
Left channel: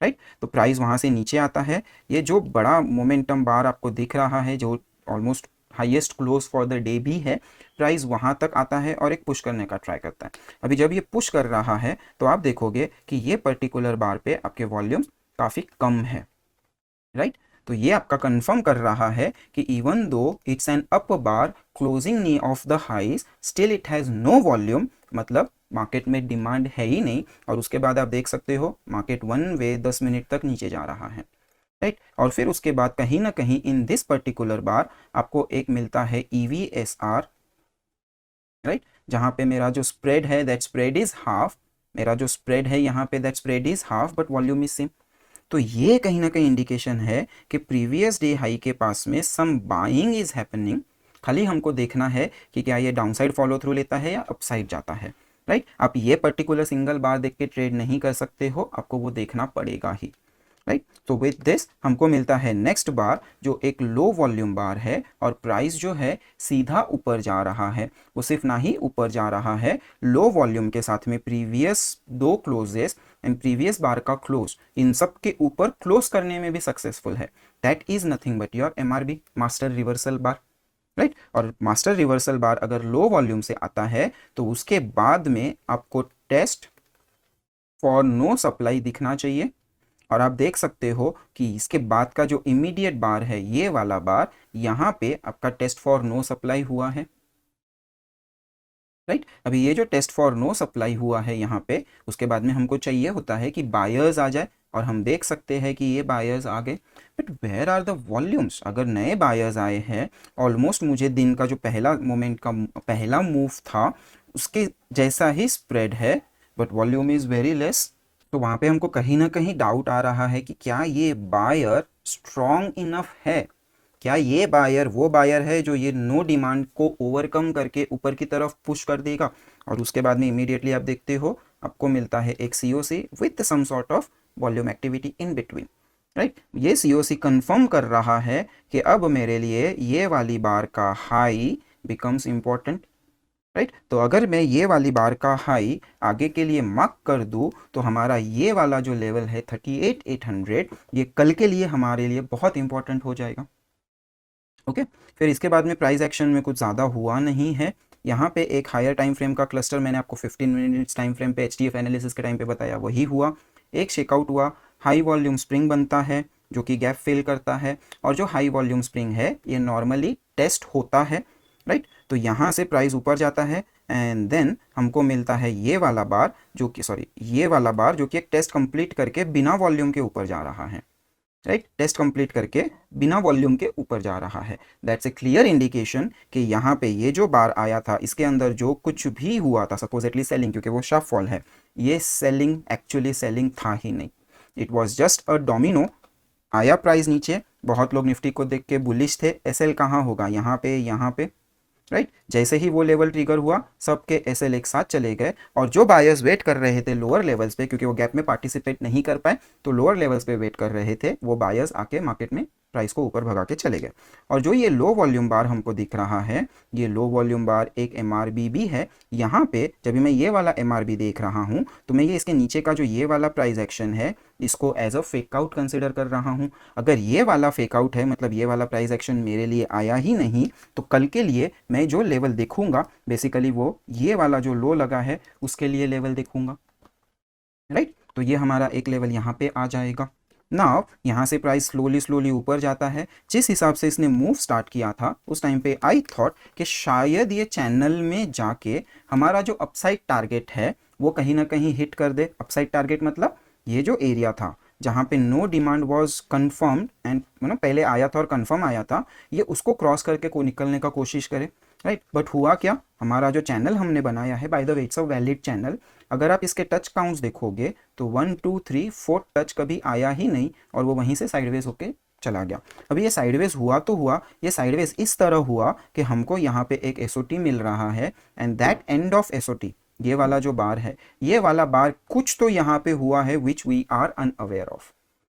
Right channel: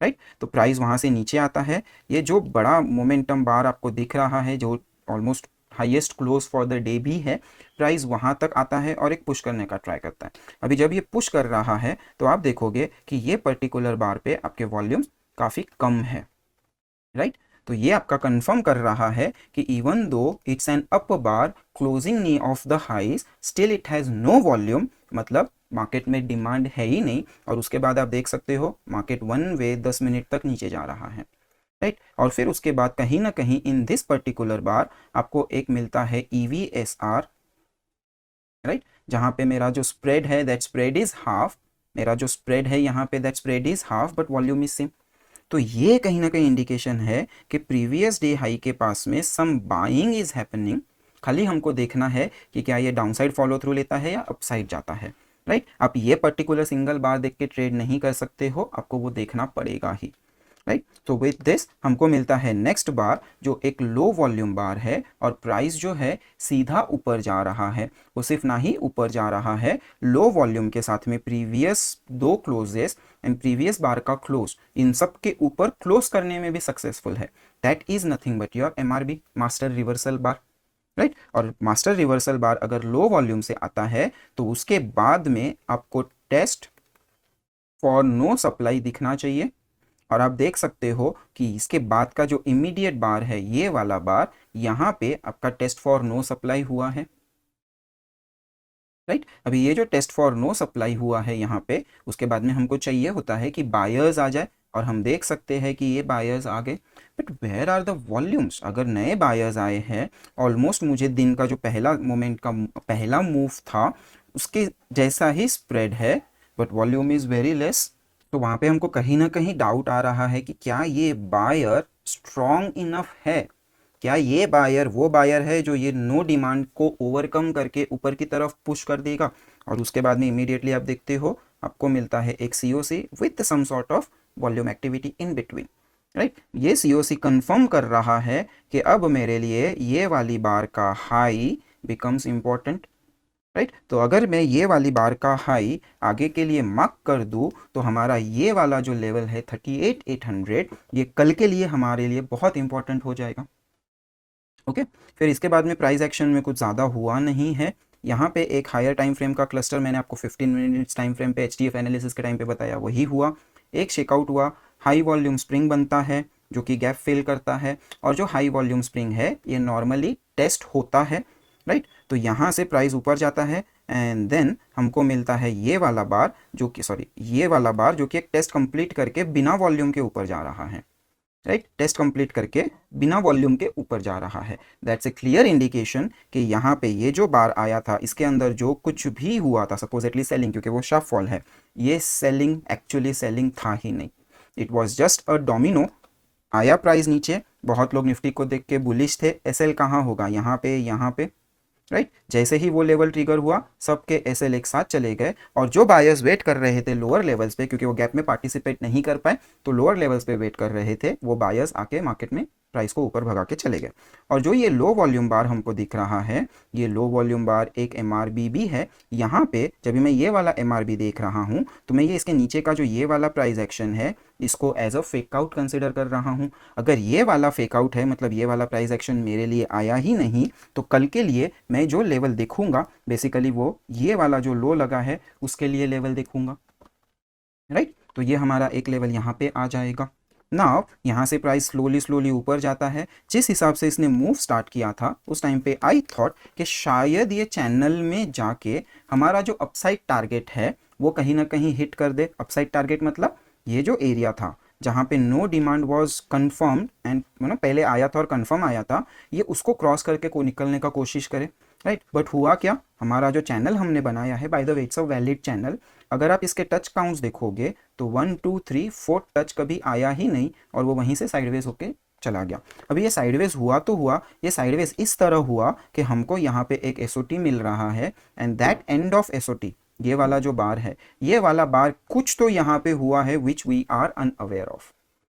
राइट। तो प्राइस वहाँ से नीचे आता है, ये जो बड़ा मोमेंटम बार आपको दिख रहा है जो almost highest close for the day भी है, प्राइस वहाँ तक आता है और एक पुश करने का ट्राई करता है। अभी जब ये पुश कर रहा है तो आप देखोगे कि ये पर्टिकुलर बार पे आपके वॉल्यूम काफ़ी कम है, राइट। तो ये आपका कंफर्म कर रहा है कि even though it's an up bar closing near of the highs, still it has no volume, मतलब मार्केट में डिमांड है ही नहीं। और उसके बाद आप देख सकते हो मार्केट वन वे 10 मिनट तक नीचे जा रहा है, राइट। और फिर उसके बाद कहीं ना कहीं इन दिस पर्टिकुलर बार आपको एक मिलता है EVSR, राइट, जहाँ पे मेरा जो स्प्रेड है दैट स्प्रेड इज हाफ, मेरा जो स्प्रेड है यहाँ पे that spread is half but volume is same. तो ये कहीं ना कहीं इंडिकेशन है कि प्रीवियस डे हाई के पास में सम बाइंग इज हैपनिंग। खाली हमको देखना है कि क्या ये डाउनसाइड फॉलो थ्रू लेता है या अपसाइड जाता है, राइट। आप ये पर्टिकुलर सिंगल बार देख के ट्रेड नहीं कर सकते हो, आपको वो देखना पड़ेगा ही, राइट। तो विद दिस हमको मिलता है नेक्स्ट बार जो एक लो वॉल्यूम बार है, और प्राइस जो है सीधा ऊपर जा रहा है। वो सिर्फ ना ही ऊपर जा रहा है, लो वॉल्यूम के साथ में प्रीवियस दो क्लोजेस एंड प्रीवियस बार का क्लोज, इन सब के ऊपर क्लोज करने में भी सक्सेसफुल है। That is nothing but your MRB, master reversal bar, right. और मास्टर रिवर्सल बार अगर लो वॉल्यूम से आता है तो उसके बाद में आपको टेस्ट फॉर नो सप्लाई दिखना चाहिए। और आप देख सकते हो कि इसके बाद का जो इमीडिएट बार है ये वाला बार, यहाँ पे आपका टेस्ट फॉर नो सप्लाई हुआ है, राइट। अभी ये जो टेस्ट फॉर नो सप्लाई हुआ है यहाँ पे, उसके बाद में हमको चाहिए होता है कि बायर्स आ जाए, और हम देख सकते हैं कि ये बायर्स आ गए। But where are the volumes? अगर नए बायर्स आए हैं, ऑलमोस्ट मुझे दिन का जो पहला मोमेंट का पहला मूव था उसके जैसा ही स्प्रेड है, but volume is very less. तो वहाँ पे हमको कहीं ना कहीं डाउट आ रहा है कि क्या ये बायर स्ट्रॉन्ग इनफ है, क्या ये बायर वो बायर है जो ये नो डिमांड को ओवरकम करके ऊपर की तरफ पुश कर देगा। और उसके बाद में इमीडिएटली आप देखते हो आपको मिलता है एक COC with some sort of volume activity in between, right. ये COC कंफर्म कर रहा है कि अब मेरे लिए ये वाली बार का हाई बिकम्स इम्पोर्टेंट, राइट। तो अगर मैं ये वाली बार का हाई आगे के लिए मार्क कर दूं तो हमारा ये वाला जो लेवल है 38,800, ये कल के लिए हमारे लिए बहुत इंपॉर्टेंट हो जाएगा, ओके। फिर इसके बाद में प्राइस एक्शन में कुछ ज़्यादा हुआ नहीं है। यहाँ पे एक हायर टाइम फ्रेम का क्लस्टर मैंने आपको 15 मिनट्स टाइम फ्रेम पे HDF एनालिसिस के टाइम पे बताया, वही हुआ। एक शेकआउट हुआ, हाई वॉल्यूम स्प्रिंग बनता है जो कि गैप फिल करता है, और जो हाई वॉल्यूम स्प्रिंग है ये नॉर्मली टेस्ट होता है, राइट। तो यहाँ से प्राइस ऊपर जाता है एंड देन हमको मिलता है ये वाला बार जो कि ये वाला बार जो कि एक टेस्ट कंप्लीट करके बिना वॉल्यूम के ऊपर जा रहा है, राइट। टेस्ट कंप्लीट करके बिना वॉल्यूम के ऊपर जा रहा है। दैट्स ए क्लियर इंडिकेशन कि यहाँ पे ये जो बार आया था इसके अंदर जो कुछ भी हुआ था, सपोजिटली सेलिंग, क्योंकि वो शार्प फॉल है, ये सेलिंग एक्चुअली सेलिंग था ही नहीं, it was just a domino. आया प्राइस नीचे, बहुत लोग निफ्टी को देख के बुलिश थे, एसएल कहाँ होगा, यहाँ पे, राइट। जैसे ही वो लेवल ट्रिगर हुआ सबके एसएल एक साथ चले गए, और जो बायर्स वेट कर रहे थे लोअर लेवल्स पे, क्योंकि वो गैप में पार्टिसिपेट नहीं कर पाए तो लोअर लेवल्स पे वेट कर रहे थे, वो बायर्स आके मार्केट में प्राइस को ऊपर भगा के चले गए। और जो ये लो वॉल्यूम बार हमको दिख रहा है, ये लो वॉल्यूम बार एक MRB भी है। यहाँ पे जब मैं ये वाला MRB देख रहा हूँ तो मैं ये इसके नीचे का जो ये वाला प्राइस एक्शन है इसको as a fake out consider कर रहा हूँ। अगर ये वाला फेक आउट है, मतलब ये वाला प्राइस एक्शन मेरे लिए आया ही नहीं, तो कल के लिए मैं जो लेवल देखूंगा बेसिकली वो ये वाला जो लो लगा है उसके लिए लेवल देखूंगा, राइट। तो ये हमारा एक लेवल यहाँ पे आ जाएगा। नाउ यहाँ से प्राइस स्लोली ऊपर जाता है। जिस हिसाब से इसने मूव स्टार्ट किया था उस टाइम पे आई थॉट कि शायद ये चैनल में जाके हमारा जो अपसाइड टारगेट है वो कहीं ना कहीं हिट कर दे। अपसाइड टारगेट मतलब ये जो एरिया था जहाँ पे no demand was confirm and मतलब पहले आया था और कंफर्म आया था, ये उसको क्रॉस करके को निकलने का कोशिश करे। राइट। बट हुआ क्या, हमारा जो चैनल हमने बनाया है, by the way it's a valid channel, अगर आप इसके टच काउंट्स देखोगे तो 1 2 3 4 टच कभी आया ही नहीं और वो वहीं से साइडवेज होके चला गया। अभी ये साइडवेज हुआ तो हुआ, ये साइडवेज इस तरह हुआ कि हमको यहाँ पे एक एसओटी मिल रहा है and that end of SOT, ये वाला जो बार है, ये वाला बार कुछ तो यहाँ पे हुआ है which we are unaware of,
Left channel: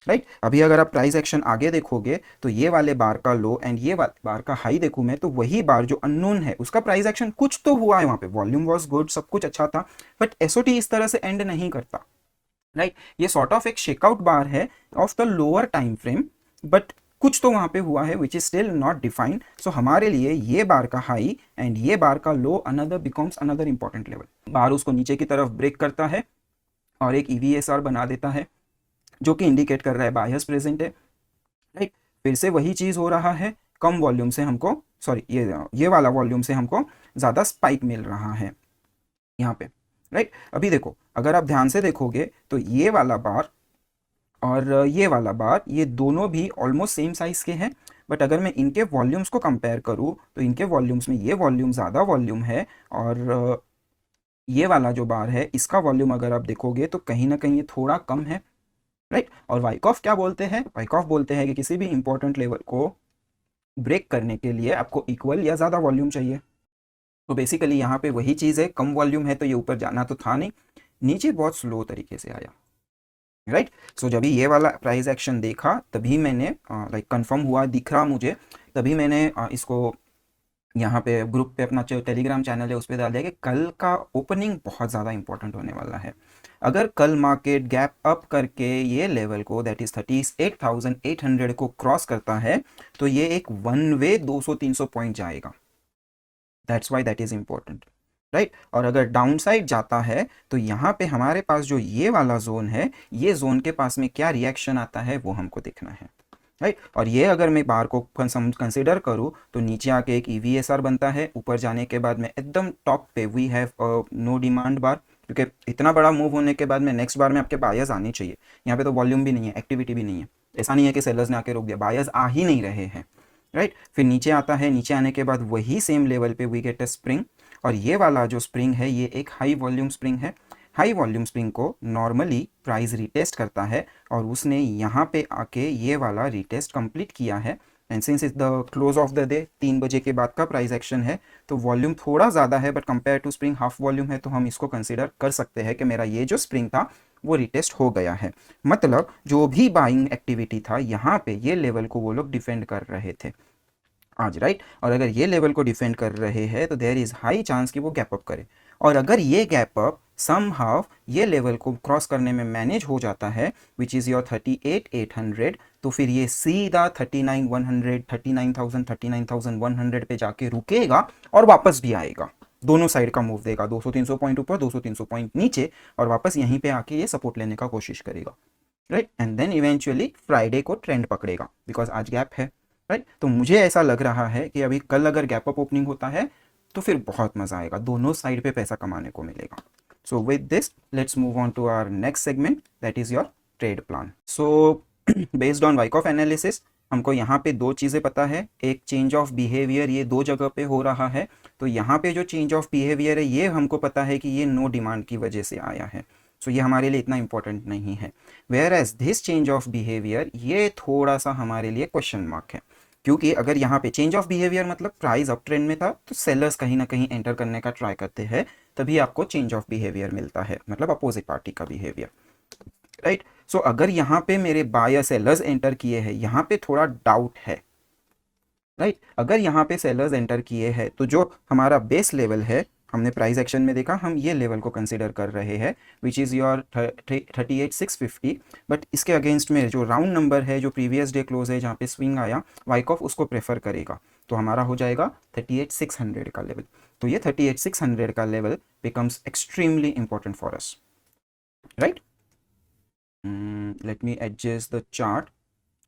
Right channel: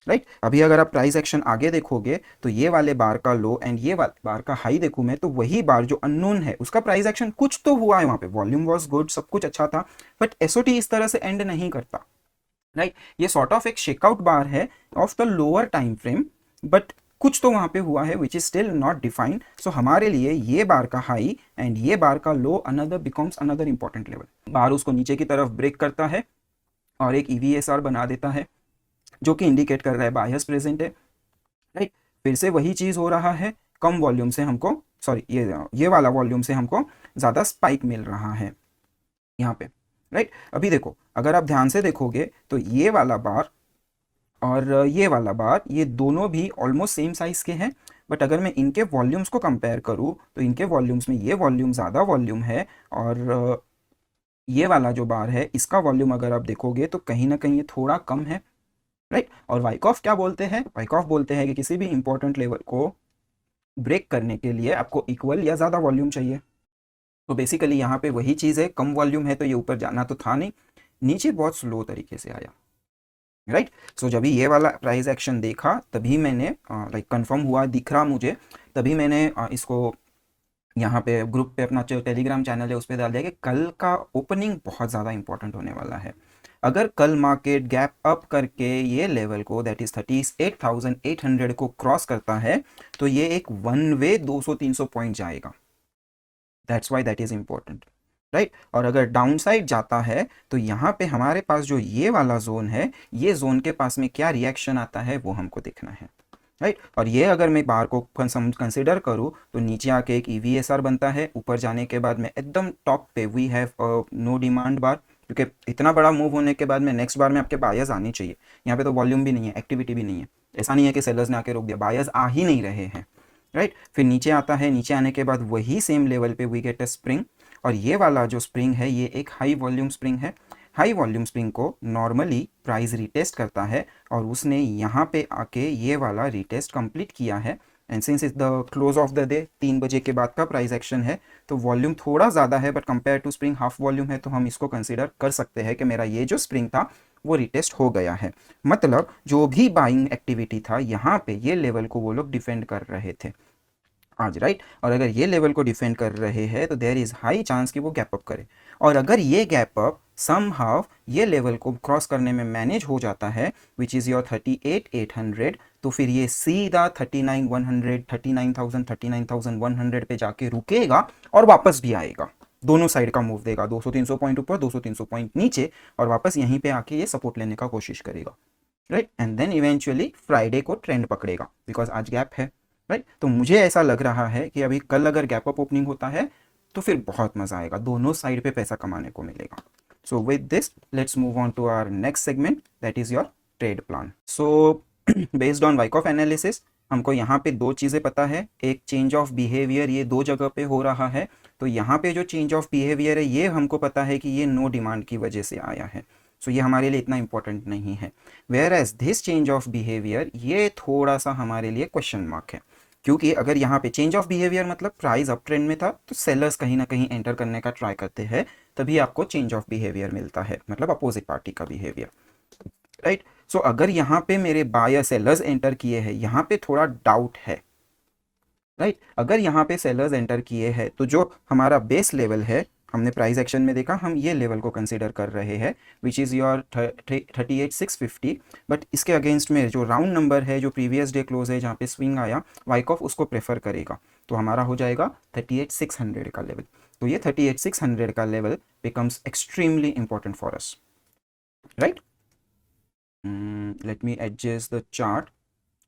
right. अभी अगर आप प्राइस एक्शन आगे देखोगे तो ये वाले बार का लो एंड ये बार का हाई देखूं मैं, तो वही बार जो अननोन है उसका प्राइस एक्शन कुछ तो हुआ है, वहां पे वॉल्यूम वाज गुड, सब कुछ अच्छा था, बट एसओटी इस तरह से एंड नहीं करता, राइट। ये सॉर्ट ऑफ एक शेकआउट बार है of the lower time frame, but कुछ तो वहां पे हुआ है which is still not defined. So हमारे लिए ये बार का हाई एंड ये बार का low another becomes another important level. Bar उसको नीचे की तरफ ब्रेक करता है और एक ईवीएसआर बना देता है जो कि इंडिकेट कर रहा है बायस प्रेजेंट है, राइट। फिर से वही चीज हो रहा है, कम वॉल्यूम से हमको, सॉरी ये वाला वॉल्यूम से हमको ज्यादा स्पाइक मिल रहा है यहाँ पे, राइट। अभी देखो, अगर आप ध्यान से देखोगे तो ये वाला बार और ये वाला बार, ये दोनों भी ऑलमोस्ट सेम साइज के हैं, बट अगर मैं इनके वॉल्यूम्स को कंपेयर करूँ तो इनके वॉल्यूम्स में ये वॉल्यूम ज़्यादा वॉल्यूम है और ये वाला जो बार है इसका वॉल्यूम अगर आप देखोगे तो कहीं ना कहीं ये थोड़ा कम है, राइट। और वाइकॉफ क्या बोलते हैं, वाइकॉफ बोलते हैं कि किसी भी इंपॉर्टेंट लेवल को ब्रेक करने के लिए आपको इक्वल या ज़्यादा वॉल्यूम चाहिए। तो बेसिकली यहाँ पे वही चीज़ है, कम वॉल्यूम है तो ये ऊपर जाना तो था नहीं, नीचे बहुत स्लो तरीके से आया, राइट। सो जब ये वाला प्राइस एक्शन देखा तभी मैंने लाइक कंफर्म हुआ, दिख रहा मुझे, तभी मैंने इसको यहाँ पे ग्रुप पे अपना जो टेलीग्राम चैनल है उस पर डाल दिया कि कल का ओपनिंग बहुत ज़्यादा इंपॉर्टेंट होने वाला है। अगर कल मार्केट गैप अप करके ये लेवल को, दैट इज 38,800 को क्रॉस करता है तो ये एक वन वे 200-300 पॉइंट जाएगा, that's why that is important, right. और अगर डाउन साइड जाता है तो यहाँ पे हमारे पास जो ये वाला जोन है, ये जोन के पास में क्या रिएक्शन आता है वो हमको देखना है, राइट। और ये अगर मैं बार को कंसिडर करूँ तो नीचे आके एक ईवीएसआर बनता है, ऊपर जाने के बाद में एकदम टॉप पे वी हैव नो डिमांड बार, क्योंकि इतना बड़ा मूव होने के बाद में नेक्स्ट बार में आपके बायर्स आने चाहिए। यहाँ पे तो वॉल्यूम भी नहीं है, एक्टिविटी भी नहीं है, ऐसा नहीं है कि सेलर्स ने आके रोक दिया, बायर्स आ ही नहीं रहे हैं, राइट। फिर नीचे आता है, नीचे आने के बाद वही सेम लेवल पे वी गेट अ स्प्रिंग, और ये वाला जो स्प्रिंग है ये एक हाई वॉल्यूम स्प्रिंग है। हाई वॉल्यूम स्प्रिंग को नॉर्मली प्राइस रिटेस्ट करता है और उसने यहाँ पे आके ये वाला रिटेस्ट कंप्लीट किया है and since is the close of the day, 3 बजे के बाद का प्राइस एक्शन है, तो वॉल्यूम थोड़ा ज़्यादा है but compare to spring half volume है, तो हम इसको कंसिडर कर सकते हैं कि मेरा ये जो स्प्रिंग था वो रिटेस्ट हो गया है। मतलब जो भी बाइंग एक्टिविटी था यहाँ पे ये लेवल को वो लोग डिफेंड कर रहे थे आज, राइट। और अगर ये लेवल को डिफेंड कर रहे हैं तो देयर इज हाई चांस कि वो गैप अप करे, और अगर ये गैप अप समहाउ ये लेवल को क्रॉस करने में मैनेज हो जाता है विच इज़ योर 38,800, तो फिर ये सीधा 39,100, 39,000, 39,100 पे जाके रुकेगा और वापस भी आएगा, दोनों साइड का मूव देगा, 200-300 पॉइंट ऊपर, 200-300 पॉइंट नीचे, और वापस यहीं पे आके ये सपोर्ट लेने का कोशिश करेगा, right. And then eventually Friday को ट्रेंड पकड़ेगा बिकॉज आज गैप है, राइट। तो मुझे ऐसा लग रहा है कि अभी कल अगर गैप अप ओपनिंग होता है तो फिर बहुत मजा आएगा, दोनों साइड पे पैसा कमाने को मिलेगा। So with this let's move on to our next segment, that is your trade plan. So based on Wyckoff analysis हमको यहाँ पे दो चीज़ें पता है, एक चेंज ऑफ बिहेवियर ये दो जगह पे हो रहा है, तो यहाँ पे जो चेंज ऑफ बिहेवियर है ये हमको पता है कि ये नो डिमांड की वजह से आया है, सो ये हमारे लिए इतना इंपॉर्टेंट नहीं है। Whereas this change of behaviour ये थोड़ा सा हमारे लिए क्वेश्चन मार्क है, क्योंकि अगर यहाँ पे चेंज ऑफ बिहेवियर मतलब प्राइस अप ट्रेंड में था तो सेलर्स कहीं ना कहीं एंटर करने का ट्राई करते हैं, तभी आपको चेंज ऑफ बिहेवियर मिलता है, मतलब अपोजिट पार्टी का बिहेवियर, राइट। सो अगर यहाँ पे मेरे बायर सेलर्स एंटर किए हैं, यहाँ पे थोड़ा डाउट है, राइट। अगर यहाँ पे सेलर्स एंटर किए हैं तो जो हमारा बेस लेवल है, हमने प्राइस एक्शन में देखा हम ये लेवल को कंसीडर कर रहे हैं विच इज़ योर 38,650, बट इसके अगेंस्ट में जो राउंड नंबर है जो प्रीवियस डे क्लोज है जहाँ पे स्विंग आया, वाइकॉफ उसको प्रेफर करेगा, तो हमारा हो जाएगा 38,600 का लेवल। तो ये 38,600 का level becomes extremely important for us, right. Let me adjust the chart,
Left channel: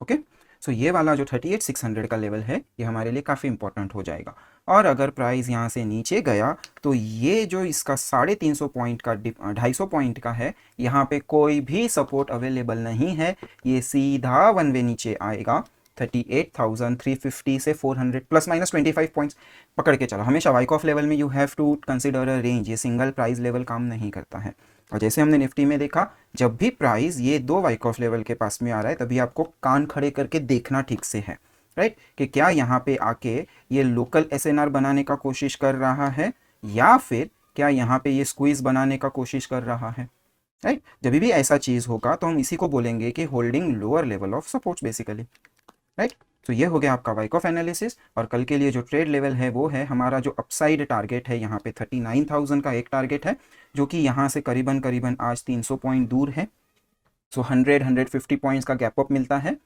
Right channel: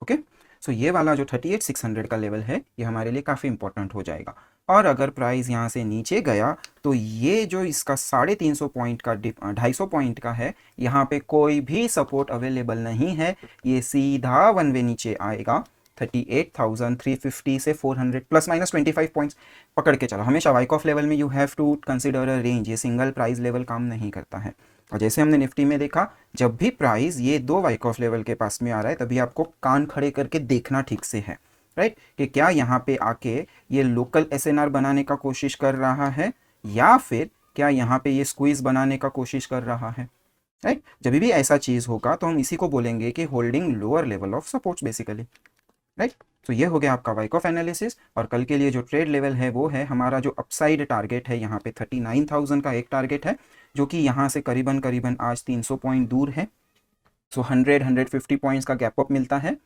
okay. So ये वाला जो 38,600 का लेवल है ये हमारे लिए काफ़ी इंपॉर्टेंट हो जाएगा, और अगर प्राइस यहाँ से नीचे गया तो ये जो इसका 350 पॉइंट का 250 पॉइंट का है, यहाँ पे कोई भी सपोर्ट अवेलेबल नहीं है, ये सीधा वन वे नीचे आएगा 38,350 से 400 प्लस माइनस 25 पॉइंट्स पकड़ के चला। हमेशा वाइकॉफ लेवल में you have to consider a range, ये सिंगल प्राइस लेवल काम नहीं करता है। और जैसे हमने निफ्टी में देखा, जब भी प्राइस ये दो वाइकॉफ लेवल के पास में आ रहा है तभी आपको कान खड़े करके देखना ठीक से है, राइट, कि क्या यहाँ पे आके ये लोकल एसएनआर बनाने का कोशिश कर रहा है या फिर क्या यहाँ पे ये स्क्वीज बनाने का कोशिश कर रहा है, राइट। जब भी ऐसा चीज होगा तो हम इसी को बोलेंगे कि holding lower level of support basically, right. तो ये हो गया आपका वाइकॉफ एनालिसिस। और कल के लिए जो ट्रेड लेवल है वो है हमारा जो अपसाइड टारगेट है, यहाँ पे 39,000 का एक टारगेट है जो कि यहाँ से करीबन करीबन आज 300 पॉइंट दूर है। सो 100-150 पॉइंट्स का गैप अप मिलता है।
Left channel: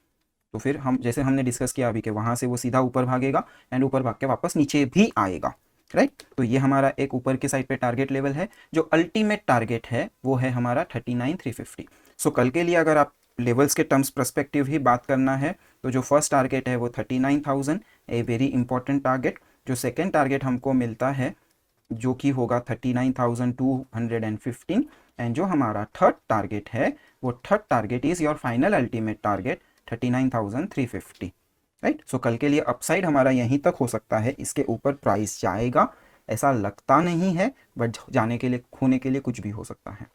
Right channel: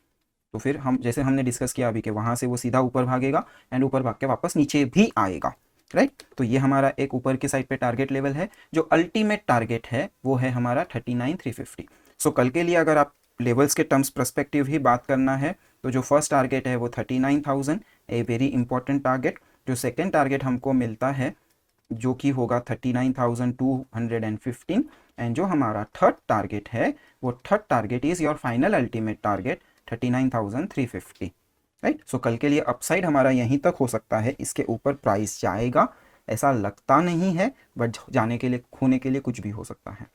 तो फिर हम जैसे हमने डिस्कस किया अभी कि वहां से वो सीधा ऊपर भागेगा एंड ऊपर भाग के वापस नीचे भी आएगा, राइट। तो ये हमारा एक ऊपर के साइड पे टारगेट लेवल है। जो अल्टीमेट टारगेट है वो है हमारा 39,350। सो कल के लिए अगर आप लेवल्स के टर्म्स पर्सपेक्टिव ही बात करना है तो जो फर्स्ट टारगेट है वो 39,000, ए वेरी इंपॉर्टेंट टारगेट। जो सेकेंड टारगेट हमको मिलता है जो कि होगा 39,215 एंड जो हमारा थर्ड टारगेट है वो third target is your final ultimate target 39,350, right. So कल के लिए अपसाइड हमारा यहीं तक हो सकता है, इसके ऊपर प्राइस जाएगा ऐसा लगता नहीं है, बट जाने के लिए खोने के लिए कुछ भी हो सकता है,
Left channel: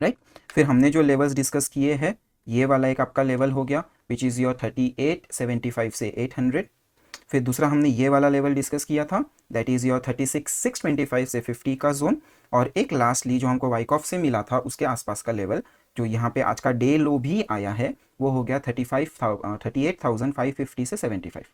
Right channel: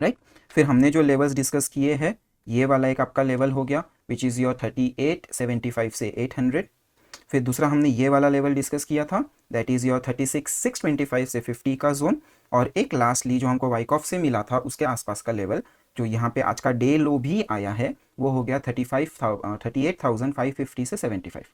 राइट। फिर हमने जो लेवल्स डिस्कस किए हैं, ये वाला एक आपका लेवल हो गया विच इज योर 3875 से 800। फिर दूसरा हमने ये वाला लेवल डिस्कस किया था दैट इज योर 36,625 से 50 का जोन। और एक लास्टली जो हमको वाइकॉफ से मिला था उसके आसपास का लेवल जो यहाँ पे आज का डे लो भी आया है वो हो गया 38,550 से 75।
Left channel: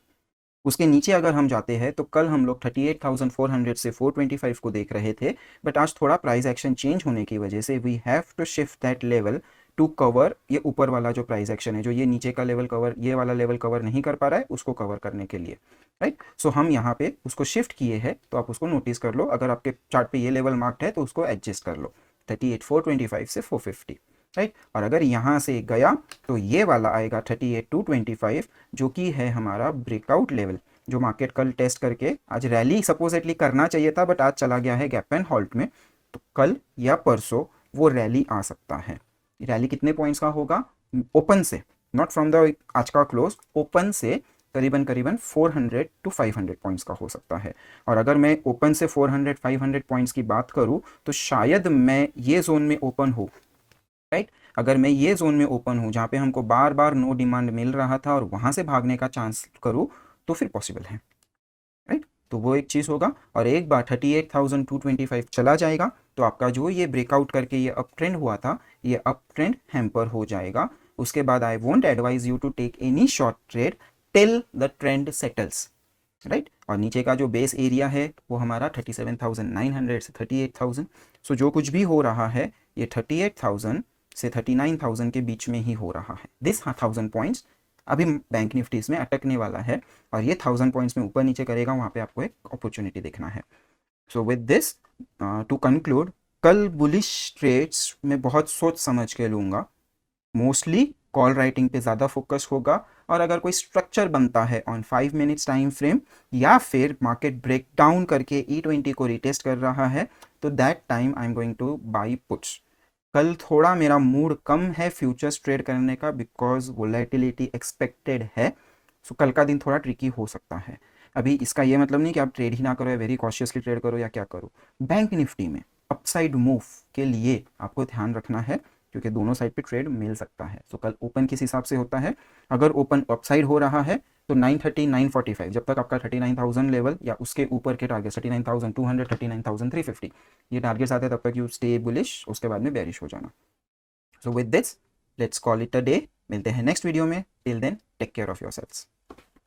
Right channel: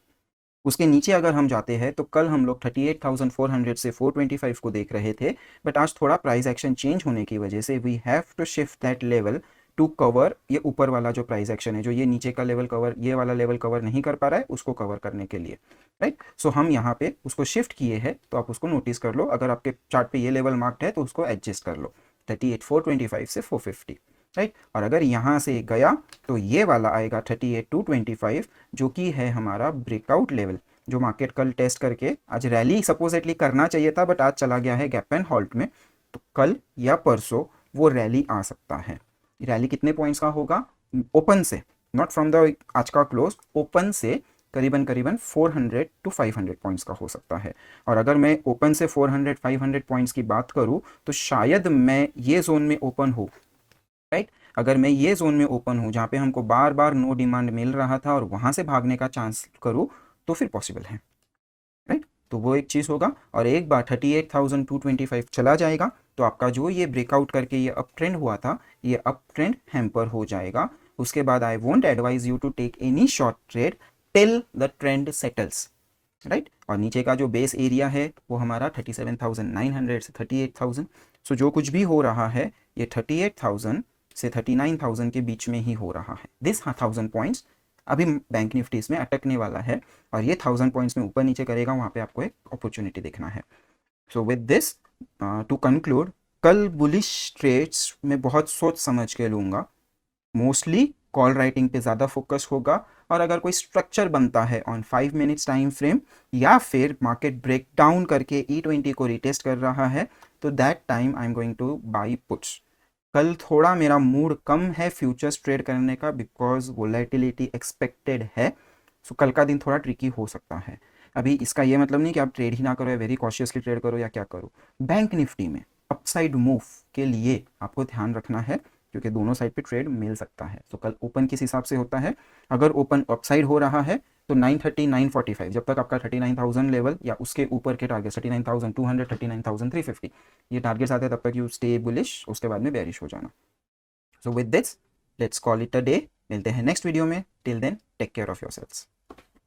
उसके नीचे अगर हम जाते हैं तो कल हम लोग 38,400 से 425 को देख रहे थे, बट आज थोड़ा प्राइस एक्शन चेंज होने की वजह से we have to shift that level to cover ये ऊपर वाला जो प्राइस एक्शन है, जो ये नीचे का लेवल कवर, ये वाला लेवल कवर नहीं कर पा रहा है, उसको कवर करने के लिए, राइट। सो हम यहाँ पे उसको शिफ्ट किए हैं, तो आप उसको नोटिस कर लो। अगर आपके चार्ट पे ये लेवल मार्क्ड है तो उसको एडजस्ट कर लो 38,425 से 450, राइट। और अगर यहाँ से गया तो ये वाला आएगा 38,225 जो कि है हमारा ब्रेकआउट लेवल, जो मार्केट कल टेस्ट करके आज रैली सपोजिटली करना चाहिए था बट आज चला गया है गैप एंड हॉल्ट में। तो कल या परसों वो रैली आ सकता है। रैली कितने पॉइंट्स का होगा? ओपन से, नॉट फ्रॉम द आज का क्लोज, ओपन से करीबन करीबन 400 to 500 पॉइंट्स का हो सकता है। और अगर मैं ओपन से 400-500 पॉइंट्स की बात करूं तो शायद मैं ये जोन में ओपन हूँ, राइट। अगर मैं ये जोन में ओपन हूँ जहाँ पे हमको बार बार नो डिमांड मिल रहा था और वहां से भागने का चांस करूँ तो फिर पॉसिबल है, राइट। तो वो एक चीज होगा। और एक बार 38,225 चला जाएगा तो आपका जो ये ब्रेकआउट करके ये अप ट्रेंड हुआ था, ये अप ट्रेंड हैम्पर हो जाएगा। उसके बाद I won't advise you to take any short trade till the trend settles, right. और नीचे का जो बेस एरिया है वो हमारा 37,900 से 38,000। सो जो कुछ भी हो रहा है ये 38,000 से 39,000 के बीच में ही हो रहा है। दिस 1,000 पॉइंट्स अभी बैंक निफ्टी इसमें अटकने वाला है और ये 1,000 पॉइंट्स में ऊपर नीचे करेगा, वहां पे आपको एक अपॉर्चुनिटी देखना है। So with this to conclude, कल बुलिश ट्रेड्स में बहुत सोच समझ के लूंगा। मोस्टली कॉल राइटिंग पे ज़्यादा फोकस होगा और अगर कोई स्ट्रक्चर बनता है ऑन 5 मिनट्स टाइम फ्रेम या फिर मार्केट ब्रेक डाउन करके E20 को रिटेस्ट कर रहा है तो that time I am going two by puts. कल थोड़ा मेरा मूड कम है फ्यूचर्स ट्रेड करने का बिकॉज वोलेटिलिटी एक्सपेक्टेड है। सो कल का दिन थोड़ा ट्रिकी हो सकता है। अभी इसका ये मतलब नहीं कि आप ट्रेड ही ना करो या वेरी कॉशियसली ट्रेड करो या क्या करो। बैंक निफ्टी में अपसाइड मूव के लिए आपको ध्यान रखना है क्योंकि दोनों साइड पे ट्रेड मिल सकता है। तो कल ओपन किस हिसाब से होता है, अगर ओपन अपसाइड हो रहा है तो 930 945 जब तक आपका 39,000 लेवल या उसके ऊपर के टारगेट 39,200 39,350 ये टारगेट्स आते हैं तब तक यू स्टे बुलिश, उसके बाद में बेरिश हो जाना। So with this let's call it a day. मिलते हैं नेक्स्ट वीडियो में। Till then take care of yourselves.